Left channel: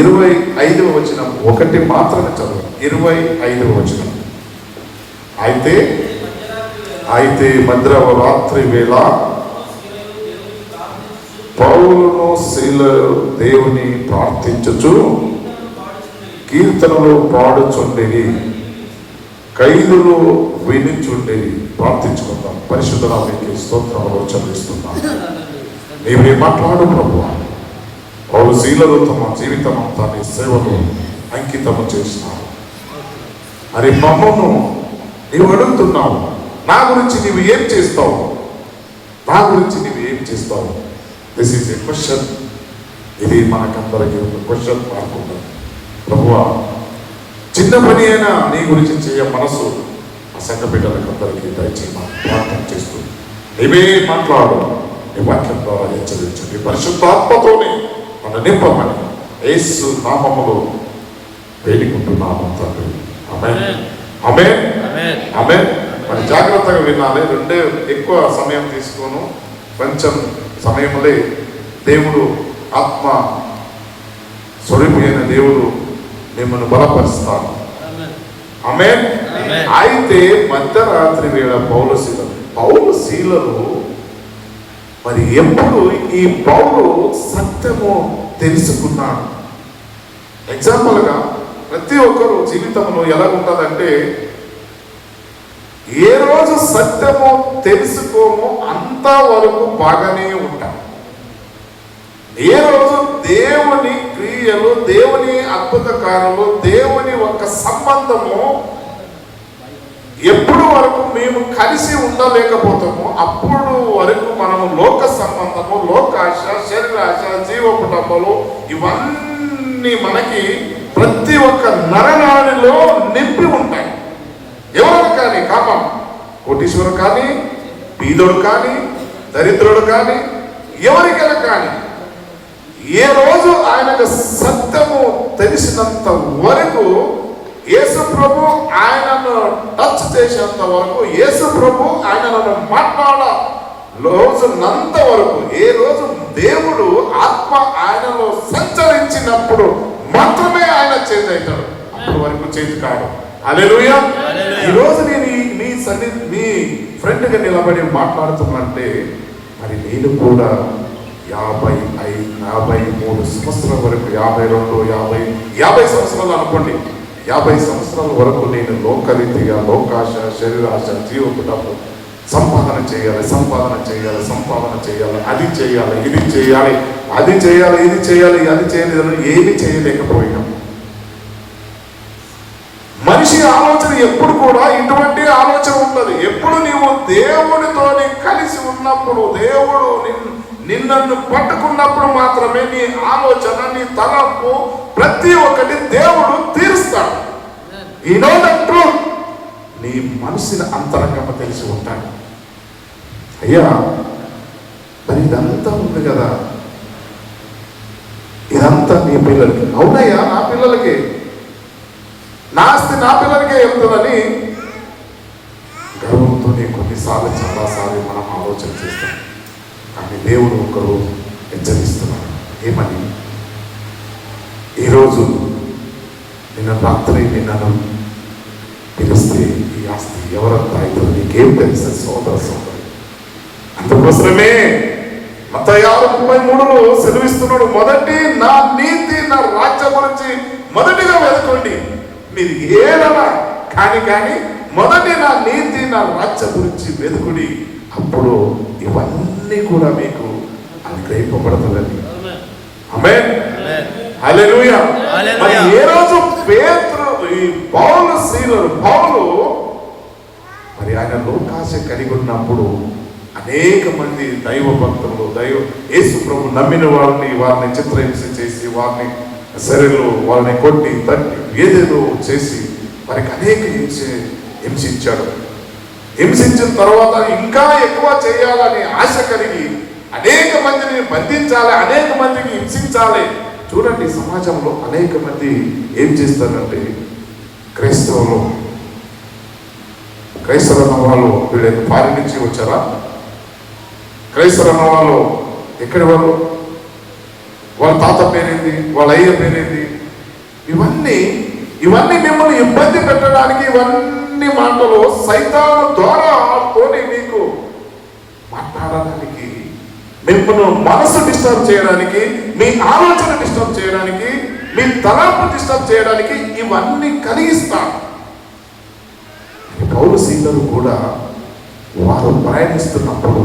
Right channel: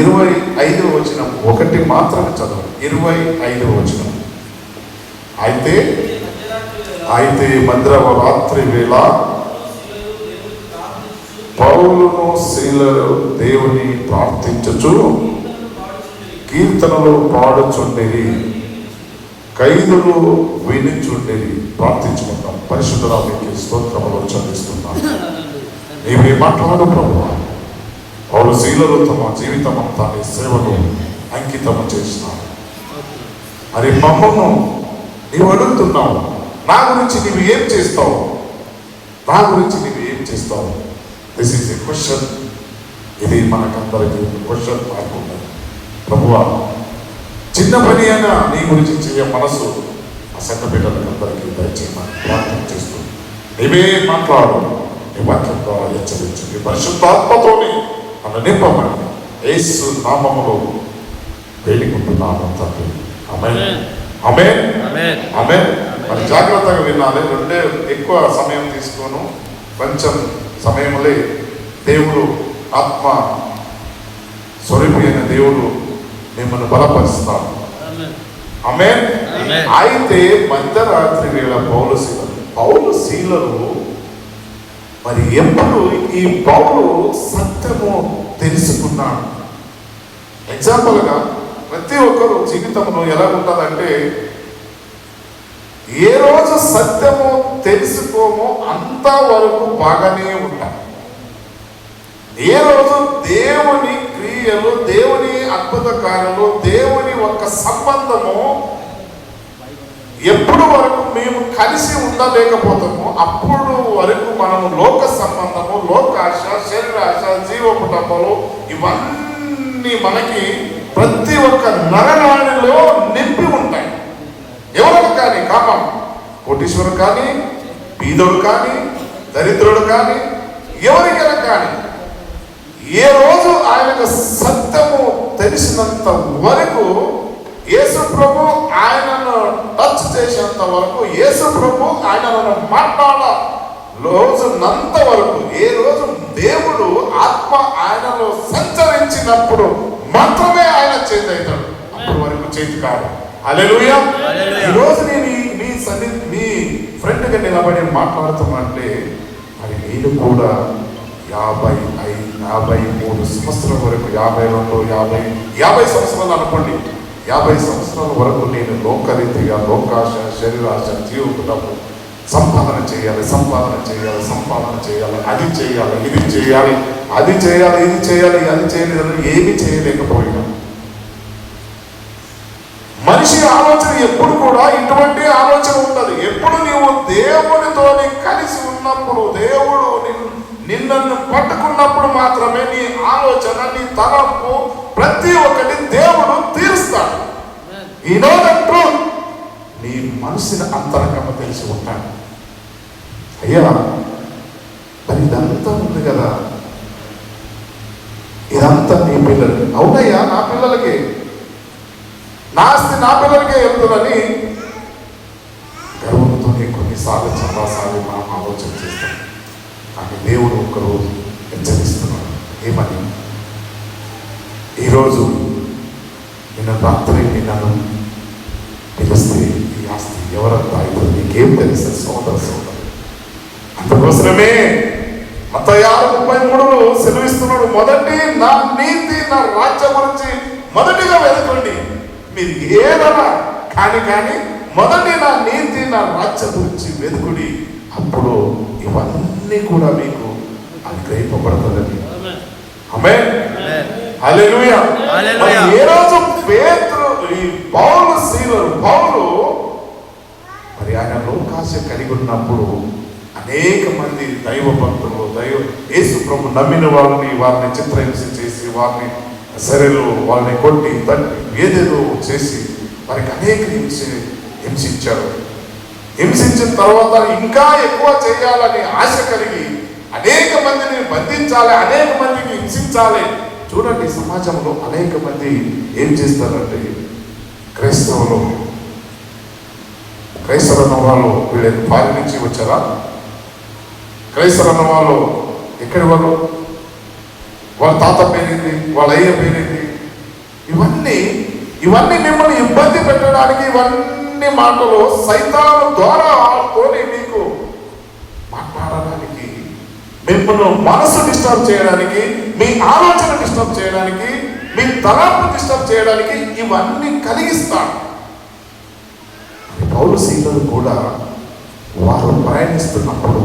25వ వచనం ఒకటి మాత్రమే చదవండి. 25వ వచనం. అయితే మధ్యరాత్రి వేళ పౌలును శీలలు దేవుని ప్రార్థించుచు కీర్తనలు పాడుచుండేది, ఖైదులు వినుచుండేది. ప్రార్థించుకుందాం. పరిశుద్ధ నామమునకు స్తోత్రములు చెల్లిస్తున్నాను. నీవే మాట్లాడు ప్రభువా. పౌలు శీలలు తమ జీవితం అంతా నీ సేవను అంకితం చేసినారు. మరి మమ్మము నీవు అడుగుతున్నావు, నా గురించి నీవు ఏం చేస్తావు, నా గురించి నీవు ఏం చేస్తావు? This is a question. ఇది మనకందరికీ క్వశ్చన్ కాకుండా, ప్రభువా చిన్న పని అయినా నీ గురించి చేయ మనసు ఆ సంఘ బిడ్డలకు అందరికీ దయచేయమని ప్రార్థన చేస్తూ నీవే మాట్లాడు. నీ వాక్యం ద్వారా హెచ్చరించు. నీ పరిశుద్ధాత్మతోనే మన నింపమని యేసు నామములో వేడుకుంటున్నాము తండ్రి. ఆమేన్, ఆమేన్, ఆమేన్. మరి జాగ్రత్తగా వినాలి. రెండే ఎక్కువ సమయం తీసుకోను, కొంచెం సమయంలో దేవుడు ఆత్మ స్వరూపి అయిన దేవుడు మిమ్మల్ని బలపరుస్తాడు. ఆమేన్. అయితే మధ్యరాత్రి వేళ పౌలు శీలలు మరి ఎప్పుడు ఈ పౌలు సత్యము తెలుసుకున్నాడు. ఎగ్జాంపుల్గా ప్రతి ఒక్కరు జీవితంలో ఎలా ఉంటుందంటే, ఏ రోజు సత్యము తెలుసుకోమో అంతవరకు బాగానే ఉంటాం. ఏ రోజు దేవుని క్రియలు, దేవుని అద్భుత కార్యాలు, దేవుని ఒక సంబంధము ఎప్పుడు వరకు మేము కలిసి ఉండలేకపోతామో అప్పుడు వరకు మనము లోక సంబంధము, లోకాశ, శరీరాశ, జీవకుటంబలు ఇవన్నీ మనకి ప్రతి ఒక్క నరనాడిలో నింపి ఉంటాయి. ఎవరు కానీ, కామం, కోటీశ్వరుడు కానీ, బీదోడు కానీ, దరిద్రుడు కానీ, ఎవరికైనా కానీ, ఏ రోజు ఆయనకు సత్యము తెలిసినంత వరకు, యేసు ప్రభు ఆయనను టచ్ చేసేంత వరకు, యేసు ప్రభు ఆయనను మాట్లాడ రోజునంత వరకు, ఏ రోజు దేవుడు ఆత్మ ఆయనలో సంచరించినప్పుడు మాత్రమే ఆయన చేంజ్ అవుతాడు. అప్పటి వరకు చేంజ్ కాదు. హల్లెలూయా. ఈరోజు నేను మీ ఫ్రెండ్గా నిలబడి మాట్లాడుతున్నంటే, మరి నేను కూడా 53 సంవత్సరాల వరకు, 52, 50 సంవత్సరాలు అనుకోండి, 50 సంవత్సరాల వరకు నేను లోకరీతిగా, లోకాశ, శరీరాశ, జీవకుటము సంపాదన చేయాలి, అది చేయాలి, ఇది చేయాలి, అది చేయాలి, ఇది చేయాలి, అది చేయాలి, ఏమి చేయలేకపోయినా. మనిషి ఆలోచన ఎప్పుడు కూడా ఇటువంటి ఆలోచన ఉంటుంది. ఎప్పుడు నీవు దేవునితోని కలిసి ఉన్నప్పుడు, దేవుడు నిన్ను పట్టుకున్నప్పుడు మాత్రమే నీ ఆలోచన, నీ తలంపు ప్రతి ఒక్కటి దేవుడు తీరుస్తాడు. ఈ నో ద ట్రూత్. నీ మనసుని అంతరంగంగా తెలిసి ఉంటాడు. అయ్యా మరి ఇదంతా ఉంది కదా, ఇదంతా నీ పిల్లలకి. అవునయ్యా, నా పిల్లలకి, నా ఆస్తి నా పిల్లలకే వెళ్తుందని గర్వంతో కొన్నిసార్లు చాలాసార్లు మనం ఆలోచన చేస్తాం. కానీ దేవుడు ఒక్కరోజు హెచ్చరిస్తున్నాడు. ఏమని? ఈరోజు రాత్రి నిన్ను పిలిస్తే ఈ ఆస్తి ఎవరంతా అయితే నీకేం తెలుసు సోదరు. అందుకోసమే మత్తయి 6:33 సెలవిస్తున్నాడు, మొదటి నా నీతి, నా రాజ్యం గురించి మొదటిగా వెతకండి. మీరు ఏదైనా కానీ మొదటి నా నీతి, నా రాజ్యం గురించి వెతుకుడి, అప్పుడు ఇవన్నీ కూడా మీకు అనుగ్రహింపబడుతుందని. ఆమేన్, హల్లెలూయా. ఏ రోజు ఈ పౌలు మరి ఆయన లోకాశ కలిగి ఉన్నప్పుడు అనేక మంది దైవ భక్తులు, యేసు ప్రభు నమ్మిన వారిని చిత్రహింస చేసి, వారిని వాళ్ళని కొట్టి తట్టి ఏదేదో చేసి వారికి అనేక హింసించారు. హింసించిన తర్వాత ఇంకా ఎక్కువ చేయాలని ఆశ కలిగి అనేక మందిని బంధించాలి, అనేక మందిని హింసించాలి. చూడండి, సమాజంలో అనేక మంది ఏం చేస్తారంటే, క్రైస్తవ వాళ్ళు వీళ్ళ పాలి నుంచి వచ్చారా? క్రైస్తవ వాళ్ళు ఎక్కడి వాళ్ళు? వాళ్ళ తాత పేరేంటి, వాళ్ళ అయ్య పేరేంటి, ఇవన్నీ మిమ్మల్ని ఇబ్బంది పెట్టడానికి, ఇవన్నీ మాటలు సైతాను ద్వారా ఆడుకొని మీకు మాట్లాడడానికి, మిమ్మల్ని మనసు డిస్టర్బ్ చేయడానికి, మీ ఆలోచన డిస్టర్బ్ చేయడానికి, మీ తలాపు డిస్టర్బ్ చేయడానికి ఇవన్నీ కలిగిస్తాడు. పౌలు సీలలు కూడా వారు ప్రయాణిస్తున్నప్పుడు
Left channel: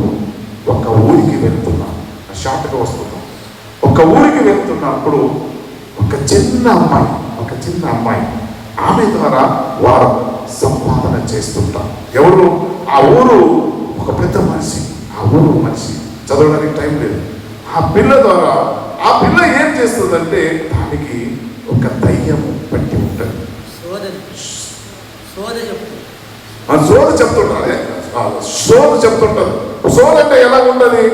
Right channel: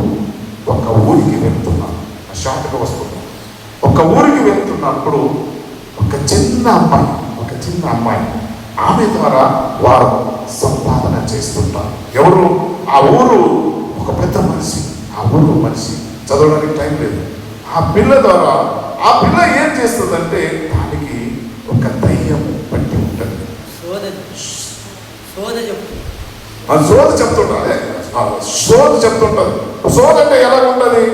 ఒక ఊరికి వెళ్తున్నారు, షార్ట్గా వస్తున్నాం. ఒక ఊరికి వెళ్తున్నప్పుడు ఒక చిన్న అమ్మాయి ఆమె ద్వారా వారు సంపాదన చేస్తుంటారు. ఎవరు? ఆ ఊరు ఒక పెద్ద మనిషి, ఆ ఊరు మనిషి, చదవడానికి టైం లేదు. ఆ పిల్ల ద్వారా ఆ పిల్ల ఏం చేస్తుందంటే దానికి ఒక దయ్యం పెట్టి ఉంటుంది. సోద చెప్తుంటారు. సోద అంటే ఎలా ఉంటుంది?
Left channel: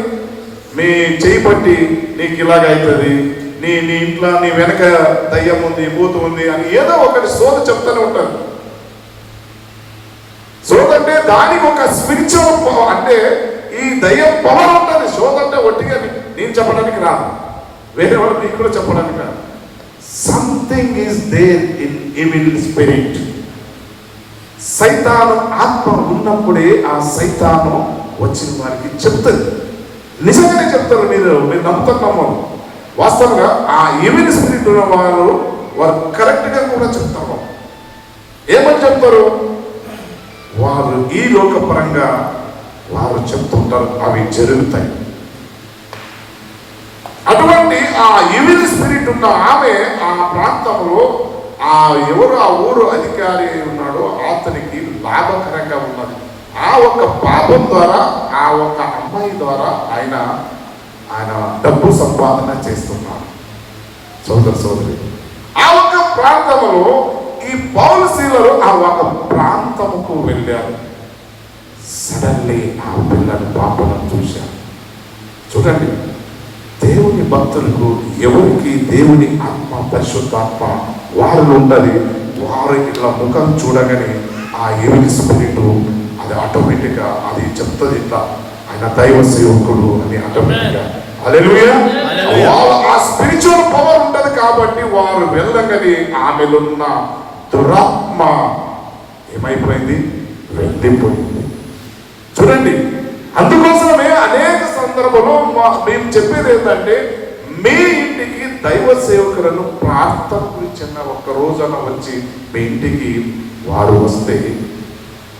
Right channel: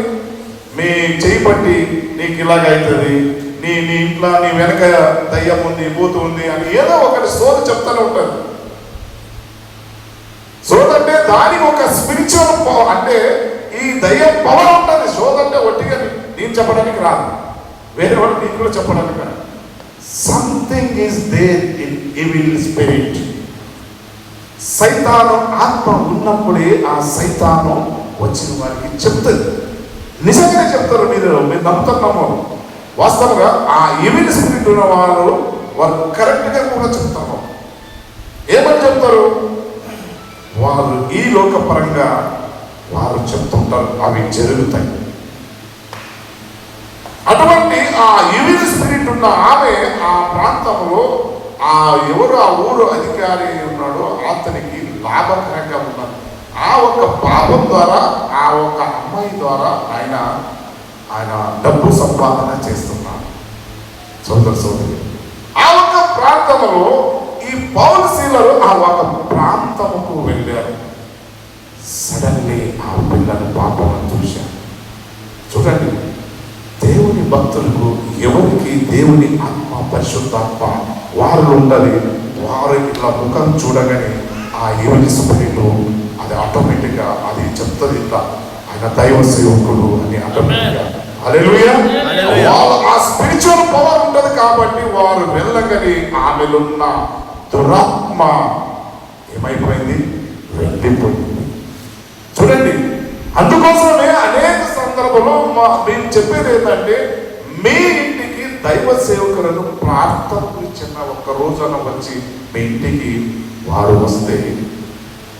నీ చేయి పట్టి నీకు ఇలాగ అవుతుంది, నీ ఇంట్లో నీ వెనక దయ్యం ఉంది, బూతు ఉంది అని ఏదో ఒకటి సోద చెప్తూనే ఉంటారు. సోద అంటే దానికి ఒక స్పిరిచువల్ పవర్, అంటే ఈ దయ్యం పవర్ ఉంటుంది. సోద అంటే ఒట్టిగా నేను చెప్పడానికి రాదు, వేరే వాళ్ళు మీకు కూడా చెప్పడానికి రాదు. Something is there in evil spirit. సైతాను ఆత్మ ఉన్నప్పుడే ఆ సైతాను వచ్చిన వారికి చెప్తుంది. నిజంగానే చెప్తారు. మీరు నమ్ముతున్నాము. వాస్తవంగా ఆ ఈవిల్ స్పిరిట్ ఉన్న వారు కరెక్ట్గా కూడా చెప్తారు. ఏమని చెప్తారు? వారు ఈ లోకపరంగా వారు చెప్తుంటారు, అవి జరుగుతాయి. అటువంటి ఆ ఈవిల్ స్పిరిట్ ఉన్న ఆమె ఆ ప్రాంతంలో ఆ ఊరు అధికారి ఉన్నాడో అతనికి లాభకరంగా ఉన్నది. ఆ ఒక పాపం ద్వారా, ఆ ఒక అమ్మాయి ద్వారా ఆయన డబ్బు సంపాదన చేస్తున్నాడు. సోదరి, ఆ ఒక ప్రాంతంలో ఈ పౌలు శీలలు ఆ ఒక ప్రాంతముకు వెళ్ళారు. సడన్లీ ఆ పిల్లని పాపను చూశారు. చూడండి, దేవుని భక్తులకు ఎవరికి దేవుని ఆత్మ, పరిశుద్ధాత్మ వారు ఉండాలి. వారికి ఇట్లా ముఖం చూడగానే ఆ ఈవిల్ స్పిరిట్ అది ఆటోమేటిక్గా అది చెప్తుంది, ఇట్లా ఆయన దైవ సేవకుడు అని ఆటోమేటిక్గా. హల్లెలూయా. ఆ స్పిరిచువల్ పవర్ ఉంటది కాబట్టి వారు వెళ్ళగానే ఆమెలో ఉన్న దురాత్మ ఏమైపోయింది? వెళ్ళిపోయింది. చూడండి, అందుకోసమే అనేక సందర్భంలో మేము చెప్పేది ఏంటంటే, మీ ఇంటికి దైవ సేవకులను ప్రార్థనకు చిన్న ఒక్క రోజున వచ్చి మీ ఇంటికి వారు వస్తే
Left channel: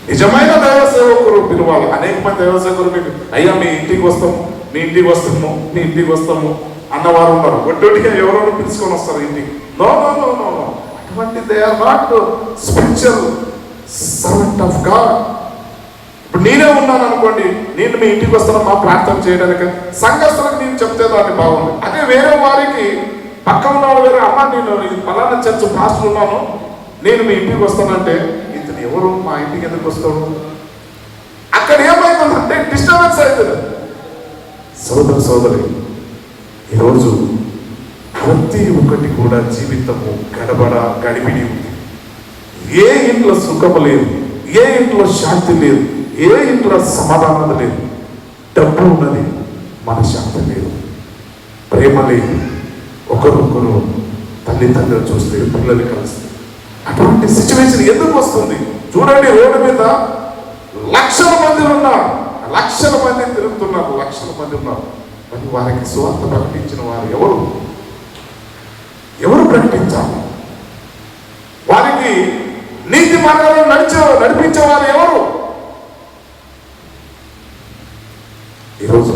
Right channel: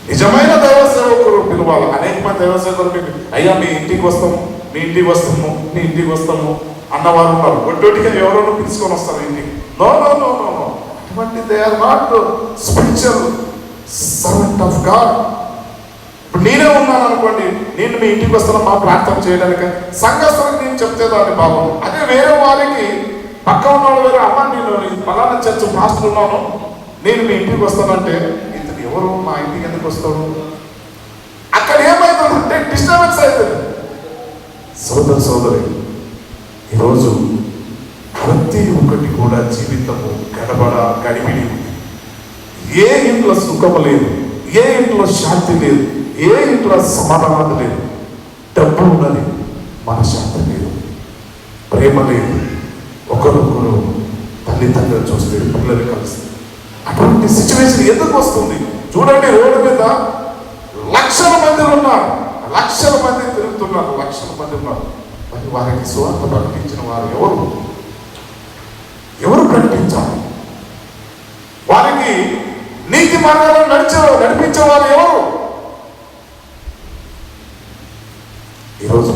నిజమైన దైవ సేవకులు పిలవాలి. అనేక మంది దైవ సేవకులు అయ్యా మీ ఇంటికి వస్తాము, మీ ఇంటికి వస్తాము, మీ ఇంటికి వస్తాము అన్నవారు ఉన్నారు. ఒట్టొట్టిగా ఎవరో పిలుచుకొని వస్తారు ఇంటికి. నో నో నో నో అటువంటి they are not spiritual servant of God. ఇప్పుడు నేనే ఉన్నాను అనుకోండి, నేను మీ ఇంటికి వస్తాను మా ప్రార్థన చేయడానికి, సంఘస్థలకు నేను చెప్తే దాన్ని బాగుంది. అదే వేరే వారికి పక్క ఉన్న వాళ్ళు అమ్మ నేను పలానా చర్చ పాస్టర్ ఉన్నాను, నేను మీ ఇంటికి వస్తానంటే ఇతను ఎవరు, మా ఇంటికి ఎందుకు వస్తాడు? అక్కడ ఏమైతుందంటే డిస్టర్బెన్స్ అవుతుంది. సోదరి, ఈరోజు ప్రతి ఒక్కటి కూడా జీవితము గడిబిడి ఉంది. ఏ ఇంట్లో సుఖము లేదు, ఏ ఇంట్లో శాంతి లేదు, ఏ ఇంట్లో సమాధానం లేదు. డబ్బు ఉన్నది, మనశ్శాంతి లేదు, ప్రేమ లేదు, ఒకరొకరు తల్లిదండ్రులు చూస్తే పిల్లలు కలిస్తే. అటువంటి సిచ్యువేషన్ ఎందుకు వస్తుంది? చూడండి, రోడ్డు మీద లక్షల మంది ఉన్నారు, లక్షల మంది తిరుగుతున్నారు, లక్షల మంది ఉన్నారు. మరి వారికి సువార్త ప్రకటించిన వారు ఎవరు ప్రకటించాలి? వారికి నీతి ప్రకారం నడిపించే వారు ఎవరు? ఈరోజు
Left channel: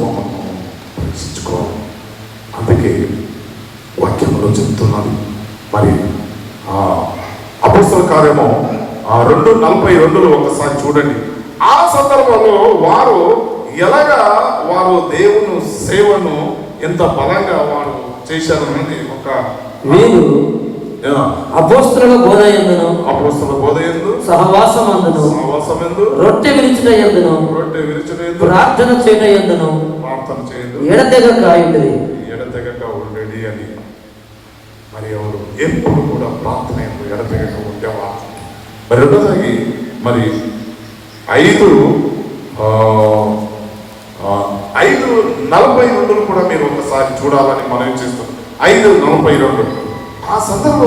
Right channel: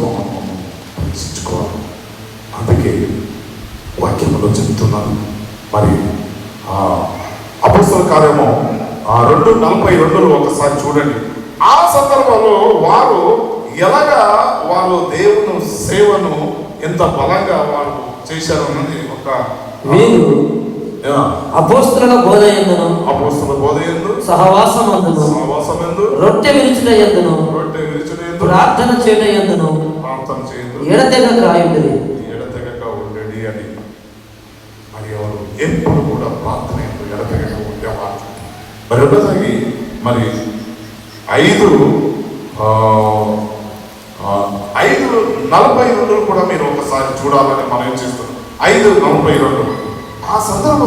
పరీక్షించుకోవాలి. అందుకే వాక్యంలో చెప్తున్నాను. మరి అపోస్తల కార్యము 2:42 ఒకసారి చూడండి. ఆ సందర్భంలో వారు ఎలాగా వారు దేవుని సేవను ఎంత బలంగా వారు చేశారు అనేది ఒక వీరు అపోస్తలుల బోధ యందు సహవాసమందు రొట్టె విరుచుట యందును ప్రార్థన చేయుట యందును ఎడతెగక ఉండేది అని. మరి ఎవరు ఎప్పుడు కూడా ప్రార్థన ఎడతెగక ఉండేవారు. మరి రెండోసారి మరి 5:42 కూడా మీరు ఒకసారి చూడాలని మనం చేస్తాం. 5:42. ఆ సందర్భం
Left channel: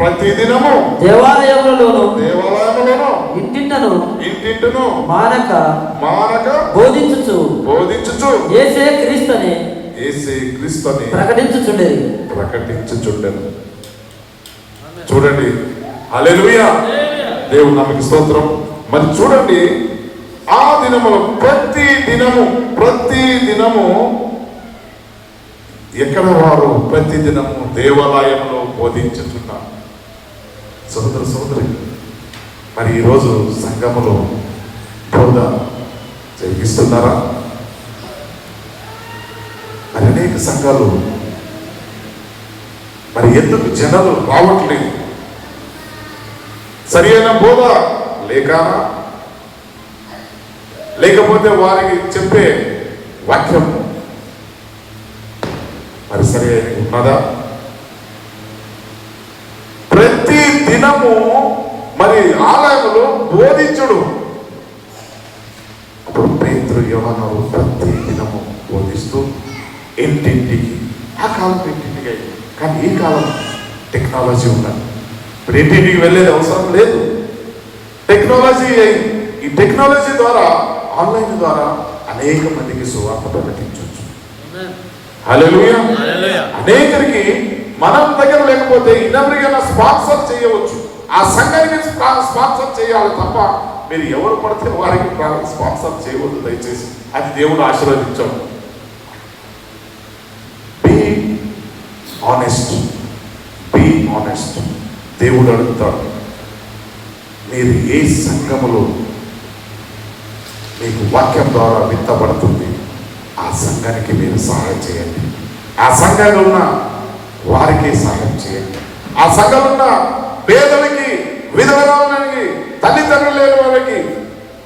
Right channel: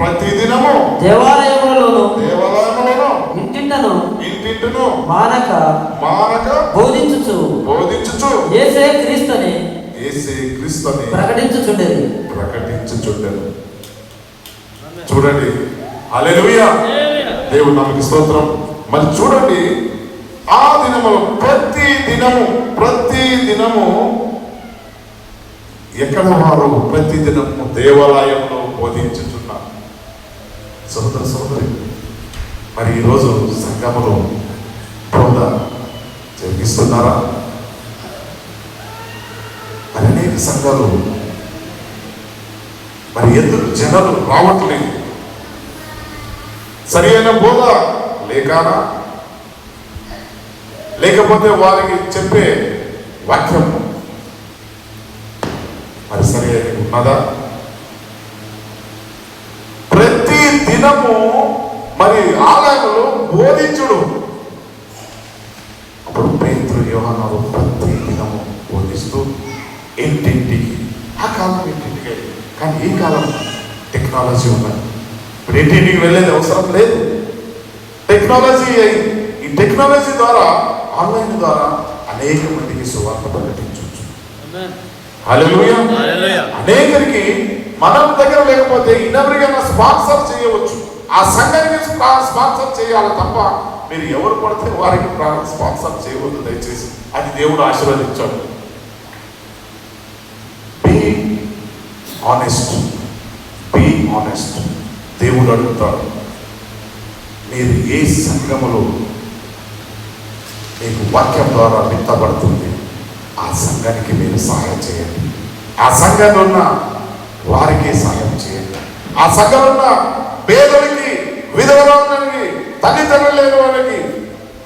ప్రతిదినము దేవాలయములలోను ఇంటింటను మానక బోధించుచు యేసే క్రీస్తుని ప్రకటించుచుండేది. చూడండి, హల్లెలూయా, దేవుడు నామకి స్తోత్రం. మరి చూడండి, ఆ దినము ప్రతి దినము ఎక్కడ వారు ప్రతి దినము దేవాలయంలో బోధించుతున్నారు. సోదరి, మరి ఈరోజు సంఘములో బోధ జరిగిస్తున్నారా? మరి అనేక సంఘాలు మరి ఎందుకు జనాలు రావట్లేదు? సరి అయిన బోధ లేకపోతే వారికి చెప్పే వాక్యం మరి సరి అయిన ఉన్నదా? ప్రతి దినము మరి ఆలయంలో బోధించుడు. అప్పుడు పేతురు, యోహాను ప్రతి దినము బోధిస్తూ ఇంటింటికి, ఆ కాలం ఇంటింటికి, కానీ ఈ కాలం టెక్నాలజీ ఉన్నది. ఇప్పుడు ఇంటింటికి వెళ్ళేది అవసరం లేదు, టెక్నాలజీ అయింది. ఈ టెక్నాలజీ ద్వారా, ఆన్లైన్ ద్వారా అనేక మందికి సువార్త ప్రకటించవచ్చు. హల్లెలూయా. అనేకరికి మనం దగ్గర లేకపోతే ఇన్నెవరికైనా స్పాన్సర్ చేయవచ్చు. ఆ సంఘానికి స్పాన్సర్ చేయాలి తప్ప మీరు ఎవరు పడితే వారికి స్పాన్సర్ చేయవద్దు దయచేసి. అది దేవుడు ఆశీర్వదించాడు. Be honest. దేవుడు అడుగుతాడు, మీరు ఏ సంఘములో మీకు వాక్యం ద్వారా విత్తబడుతుంది ఆ సంఘానికి మీరు సహాయం చేయండి. ఆ సంఘంలో ఉన్న వారికి సహాయం చేయండి. ఆ సంఘంలో ఉన్న పేదలకి, విధవరాలకి, తల్లిదండ్రులు లేని వారికి,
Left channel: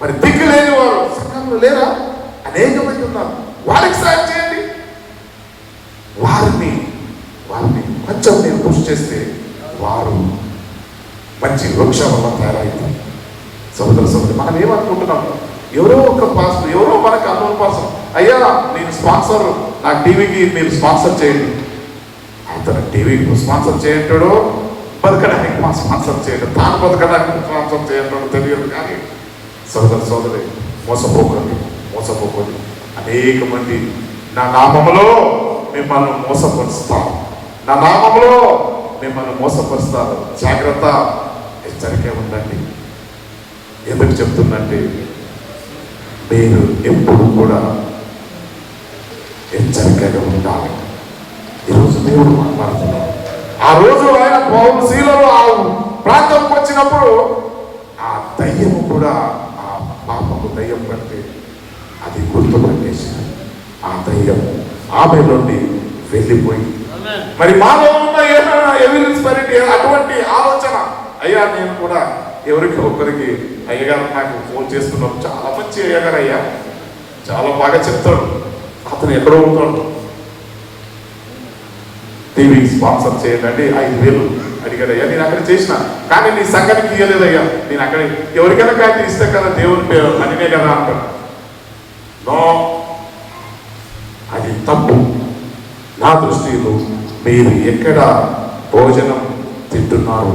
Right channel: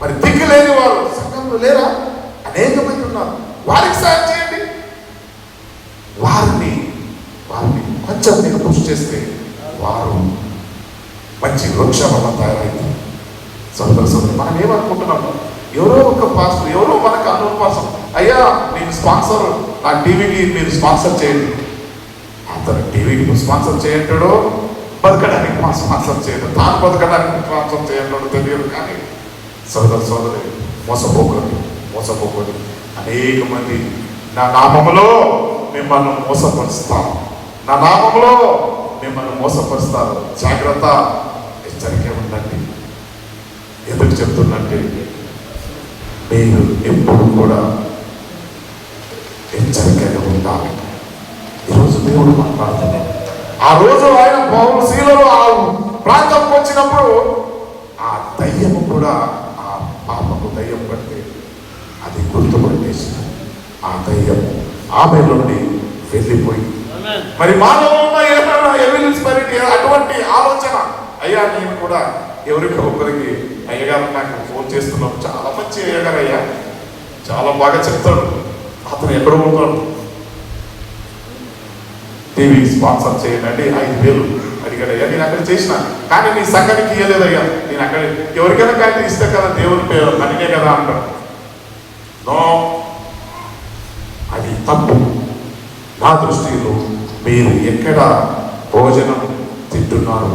మరి దిక్కు లేని వారు సంఘంలో లేరా? అనేక మంది ఉన్నారు. వారికి సహాయం చేయండి. వారిని కొంచెం మీరు కృషి చేస్తే వారు మంచి వృక్షంగా తయారైంది. సోదరు, మనం ఏమనుకుంటున్నాము? ఎవరో ఒక పాస్టర్, ఎవరో మనకు అన్నోన్ పర్సన్, అయ్యా నేను స్పాన్సర్, నా టీవీకి మీరు స్పాన్సర్ చేయండి. అతను టీవీకి స్పాన్సర్ చేయంటాడో, బతకడానికి స్పాన్సర్ చేయడం, తాను బతకడానికి స్పాన్సర్ చేయడం తెలియదు. కానీ సోదరి, మోసపోకండి. అనేక మంది నా నామములో మిమ్మల్ని మోసపరుస్తారు. జాగ్రత్త, హెచ్చరిక ఉందండి. ఎందుకు చెప్తుందంటే మీరు ఎప్పుడు కూడా హెచ్చరికగా ఉండాలి. ఈరోజు దేవుడు మాట్లాడుతున్నాడు. ఆ రోజు ఆయన శీలలో ఆ ప్రాంతంకి వచ్చినప్పుడు ఆ దయ్యము కూడా, ఆ పాపము దయ్యం కంటే అది గుర్తుపట్టేసిన ఆ దయ్యము ఆమె నుండి వెళ్ళిపోయి, మరి మాలో ఉన్న అటువంటి ఆలోచన, అయ్యా నేను కూడా ఎవరికి ఒకరికి, అయ్యగారు నాకు ఫోన్ చేస్తున్నాం, చాలా మంచి అయ్యగారు, అయ్యా చాలా బాగా చెప్తాడు, అతను ఎక్కడో ఉంటాడు, టీవీ స్పాన్సర్ చేయండి, 5,000 అడిగాడయ్యా, నేను అక్కడ చేసిన, కానీ నీ సంఘానికి ఇయ్యలేదయ్యా, నేను అక్కడ ఎవరికైనా కానీ ఇస్తే కదా దేవుని పేరు పనినే కదా అంటాడు. నో, అది తప్పు. నా దృష్టిలో మీరు ఎక్కడ భోజనం తింటున్నారు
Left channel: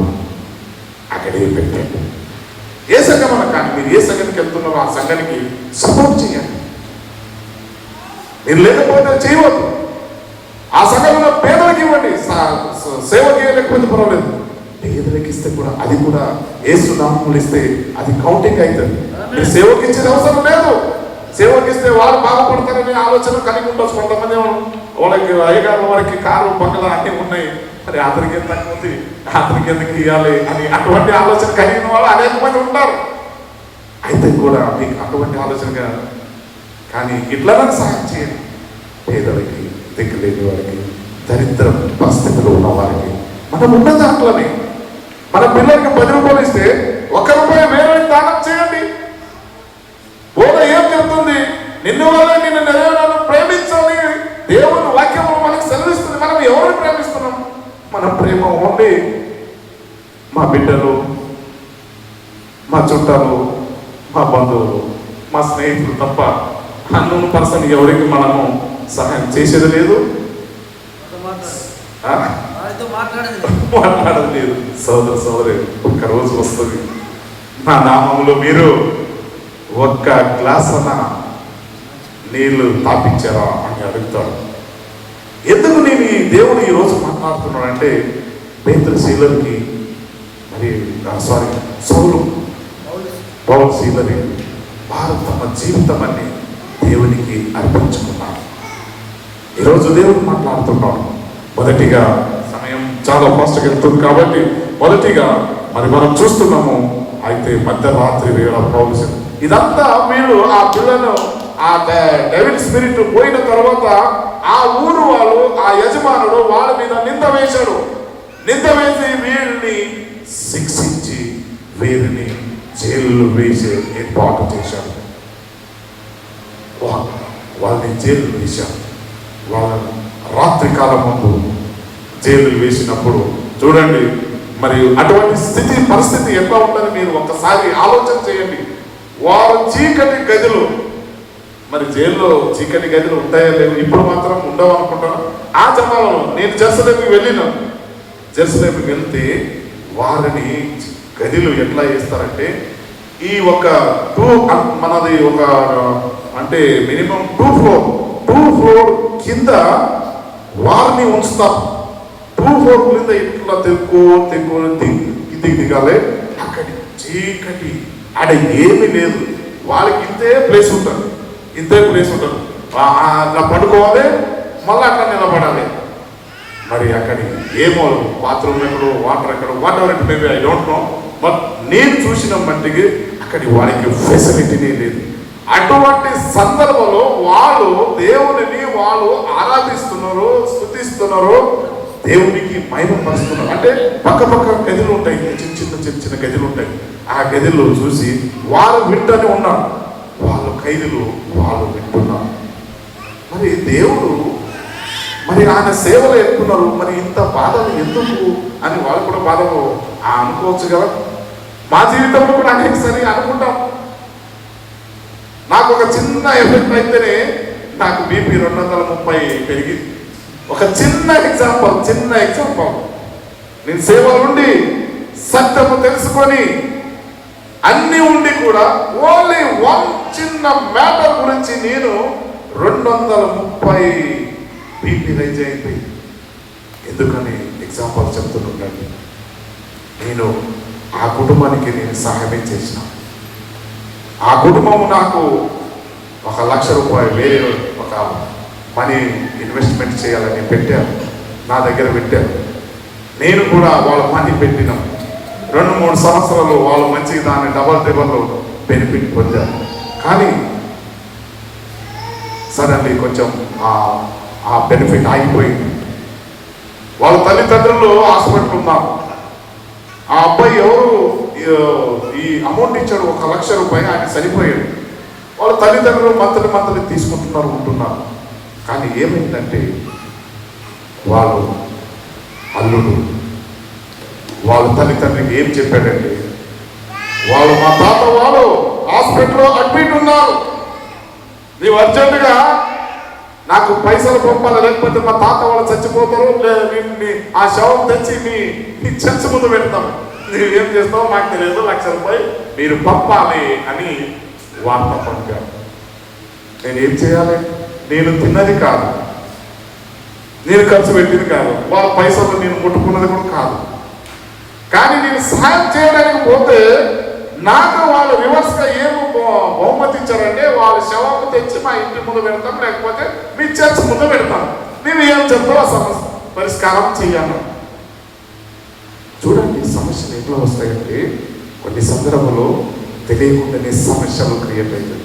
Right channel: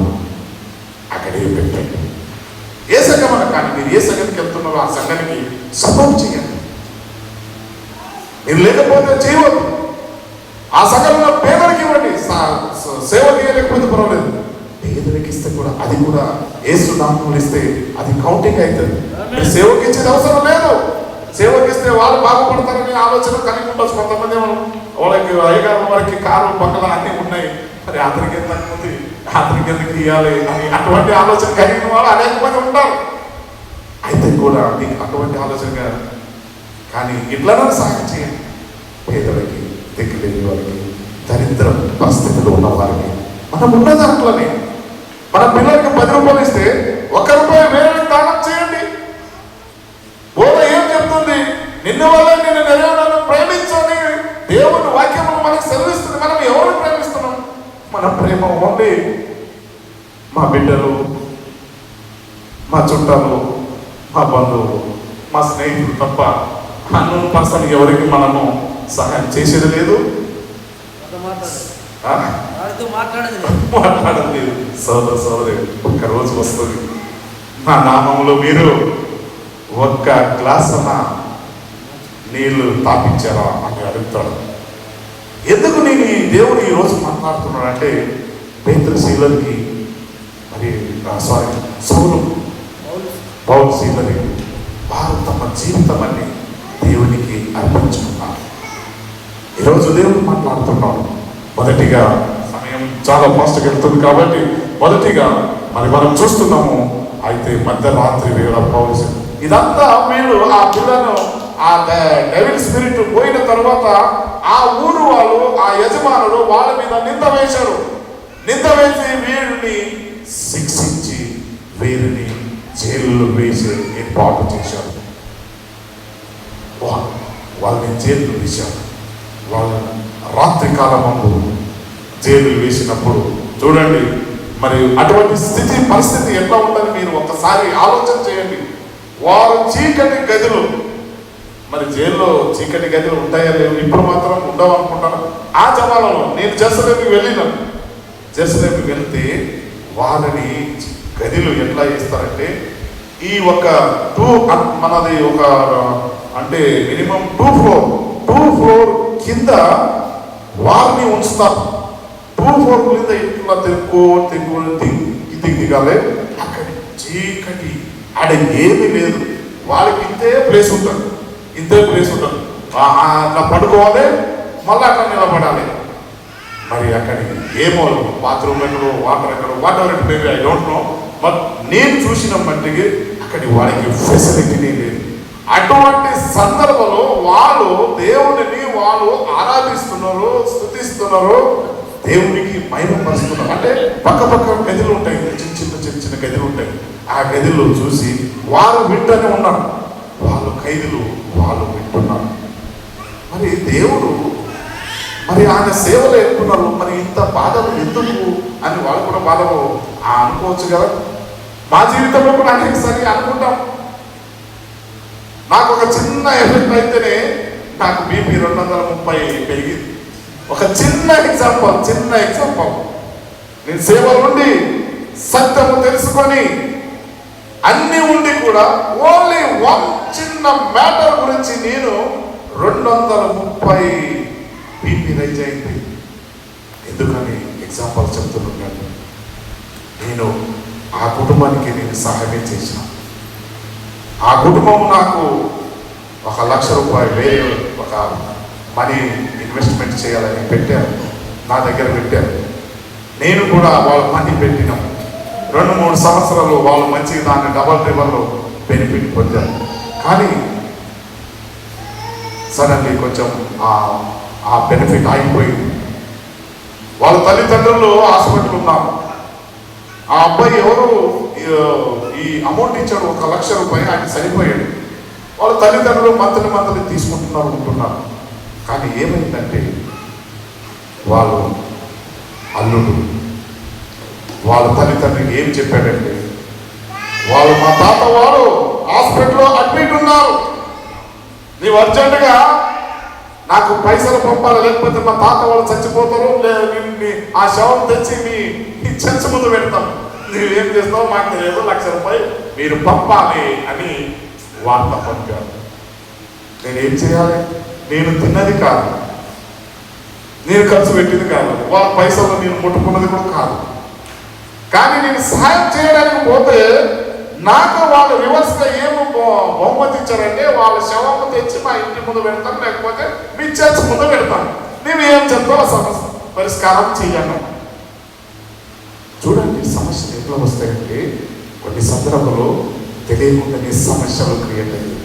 అక్కడే పెట్టండి. ఏ సంఘం అన్నా కానీ మీరు ఏ సంఘానికి వెళ్తున్నారో ఆ సంఘానికి సపోర్ట్ చేయండి. మీరు లేకపోతే చేయవద్దు. ఆ సంఘంలో పేదలకు ఇవ్వండి, సేవకి లేకపోతే పర్వాలేదు, పేదలకు ఇస్తే కూడా అది కూడా యేసు నామములో ఇస్తే అది కౌంటింగ్ అవుతుంది. మీరు సేవకి ఇచ్చిన అవసరం లేదు. సేవకి ఇస్తే వాళ్ళు బాగుపడతారనే ఆలోచన కలిగి ఉండొచ్చు. కొంతమంది వాళ్ళకి అయ్యగారు వారికి కారు బంగళ అన్నీ ఉన్నాయి, మరి అతనికి ఎంత ఉంది, అతనికి ఎందుకు ఇవ్వాలి అని అటువంటి ఆలోచన కలిగిన వాళ్ళు అనేక మంది ఉంటారు. అయితే కూడా మీకు అటువంటి ఆలోచనగా కానీ ఇట్లనే సహాయం చేయండి. పేదలకి, దిక్కులేని వారికి, దరిద్రం పరిస్థితిలో ఉన్న వారికి, మనం ఉన్న దాంట్లోనే మన పిల్లలకి 10 రూపాయలు ఇస్తే 1 రూపాయి వేరే దానం చేయండి. బోధ ఏం చెప్తుంది? నిన్ను వల్ల నిన్ను నెరవేరాలను ప్రేమించని దేవుని వాక్యము మనకు సెలవిస్తుంది. మనం ఎవరు ప్రేమిస్తున్నాం? మన ప్రేమ ఓన్లీ మా బిడ్డలు, మా చుట్టాలు, మా బంధువులు, మా స్నేహితులు తప్ప అన్నోన్ పర్సన్ ఎవరికి మనము సహాయం చేసేది లేదు. మాట్లాడలేదు. సోదర సోదరి, ఒక్క రోజు వస్తుంది నా నామంలో మీరు ఒక్క గ్లాసున నీళ్లు తాపించారా అని అడుగుతాడు. ఎందుకు నేను ఈ దేవుడు ఈ రోజు మాట్లాడుతున్నాడంటే పేతురు శీలకి మరి పౌలు శీలని వారు తమ జీవితం అన్ని దేవునికి అర్పించుకున్నారు. ఈరోజు దేవుడు మాట్లాడుతున్నాడు. మొదటిగా సమయం చాలా ఫాస్ట్గా వెళ్తుంది కాబట్టి మొదటిగా మరి మనం చూస్తున్నాము. అయితే మధ్యరాత్రి వేళ పౌలు ఇదంతా వీళ్ళు ఆ పిల్లను ఆ డెవిల్ స్పిరిట్ పోయిన తర్వాత ఆ ఊరు వాళ్ళు ఆ యజమానుడు వాళ్ళ మీద నింద వేశాడు. నింద వేసి వీళ్ళని శిక్షించి వీరిని జైలు వేసి ఏర్పాటు చేశారు. వాళ్ళని జైలు వేశారు. వాళ్ళని రాత్రి కాలం ముందు జైలు వేసినప్పుడు చూడండి మరి అటువంటి పరిస్థితి ఎట్లా ఉందని మీరు ఒకసారి ఆలోచన చేయండి. వారు చీకటి గదులు, మరి జైల్లో చీకటి గదులు ఉంటాయా లేవు? ఇప్పుడు మాత్రం ఉండవు అనుకుంటాను. ఆ జనాలు నేను జెరూసలేంకి వెళ్తే వారిని గదిలో ఎట్లా చేస్తారంటే ఈ ఒక మనది ఒక అంటే మినిమం 2 ఫ్లోర్ కింద వారిని ఉంచుతారు. 2 ఫ్లోర్ కింద ఇట్లా దిగాలి. అక్కడి చీకటి ఆడ ఏమీ లేదు. వాళ్ళకి ఇంతే ప్లేస్ ఉంటుంది. అట్లా పడుకోవాలి, మళ్ళీ అట్లా నిలబడాలి. మరి అక్కడి ఏమో బాత్రూమ్ ఎక్కడో వాటర్ ఎక్కడో వాటర్ ఐ డోంట్ నో. నేను చూసిన మట్టికి అక్కడి వాళ్ళకి ఫెసిలిటీనే లేదు. అటువంటి సందర్భంలో వాళ్ళు దేవుడిని వాళ్ళు ఆరాధిస్తున్నారు, స్తుతిస్తున్నారు, దేవునికి మహిమ పరుస్తున్నారు. అంటే పక్క గదులు ఉంటాయి, చిన్న గదులు ఉంటాయి. ఆ గదిలో చూసి వాళ్ళు వింటూనే ఉన్నారు. వాళ్ళ ఖైదులు వాళ్ళు వింటున్నారు. మరి దేవుడు మరి ఆయన సేవలు ఎక్కున్నారు. మరి ఇంత బాధలు ఎందుకు అని వాళ్ళు కూడా బాధ అనుకోవచ్చు కదా. మా జీవితంలో కూడా అనేకసారి అనుకుంటాం. నాకు ఒక చిన్న ఎఫెక్ట్ అయితేనే నాకు బీపీ 230 పెరిగింది. ఒక చిన్న ఎగ్జాంపుల్ నేను సేవలు ఉండి సత్యము తెలుసుకొని అన్ని ఉండి కూడా ఓన్లీ చిన్న మ్యాటర్ గురించి నేను 230 బీపీ రైజ్ అయింది. ఎందుకని ఎగ్జాంపుల్ చెప్తున్నాను. నేను ఆ కుటుంబానికి నేను సహాయం చేసిన. ఆ కుటుంబం నాకు 1 లక్ష రూపాయలు వేరే ఒక మనీ ఇన్వెస్ట్మెంట్ చేయాలని పెట్టారు, నా దగ్గర పెట్టారు. నేను కూడా వాళ్ళ మనీ పెట్టినాం. 2-3 సంవత్సరాలు వాళ్ళు మంచిగా దాన్ని డబల్ బెనిఫిట్ పొందారు. కానీ సడన్లీ కొంచెం ఆ బెనిఫిట్ ఆగిపోయింది. వాళ్ళ తల్లిదండ్రులు హాస్పిటల్ ఉన్నారు. ఆ అబ్బాయి ఎవరు ఈ అమౌంట్ ఇచ్చాడు 1 లక్ష రూపాయలు, ఆయన చనిపోయాడు. వాళ్ళ తల్లిదండ్రులు మంత్లీ ఉంటున్నారు. కానీ ఏమైందంటే వాళ్ళు అల్లుడు వాళ్ళ తల్లిదండ్రులకి ఏం చెప్పాడంటే మా తాత వాళ్ళు హాస్పిటల్లో అడ్మిట్ ఉన్నారు, నీవు అర్జెంటుగా నాకు పైసలు పంపాలి, లేకపోతే మా తాత వాళ్ళు చచ్చిపోతారు, ఆ శవం తెచ్చి మీ చర్చ ముందు పెడతాం, నీవేం చేస్తావో నాకు తెలియదు, 1 లక్ష రూపాయలు మీరు పంపాలి అని వార్త పంపారు. నేనేం చేయాలి? నేను తిన్నది కాదు, నేను ఖర్చు పెట్టింది కాదు, వాళ్ళ పైసలు నేను ముట్టుకున్నది కూడా కాదు. కానీ నేను సహాయం చేయడానికి పోతే నాకు వాళ్ళు రివర్స్గా ఏమో బహుమతి ఇచ్చారంటే వాళ్ళ శవాలు తెచ్చి మా ఇంటి ముందు పెడతాం, లేకపోతే మీ చర్చ్ ముందు పెడతాం, నేను ఏం చెప్తావో సమస్య పరిష్కారం చెయ్యాను. చూడండి సమస్యలు ఎట్లా వస్తాయంటే కొన్ని సందర్భంలో తెలియకుండానే సమస్యలు క్రియేట్ అయ్యాయి.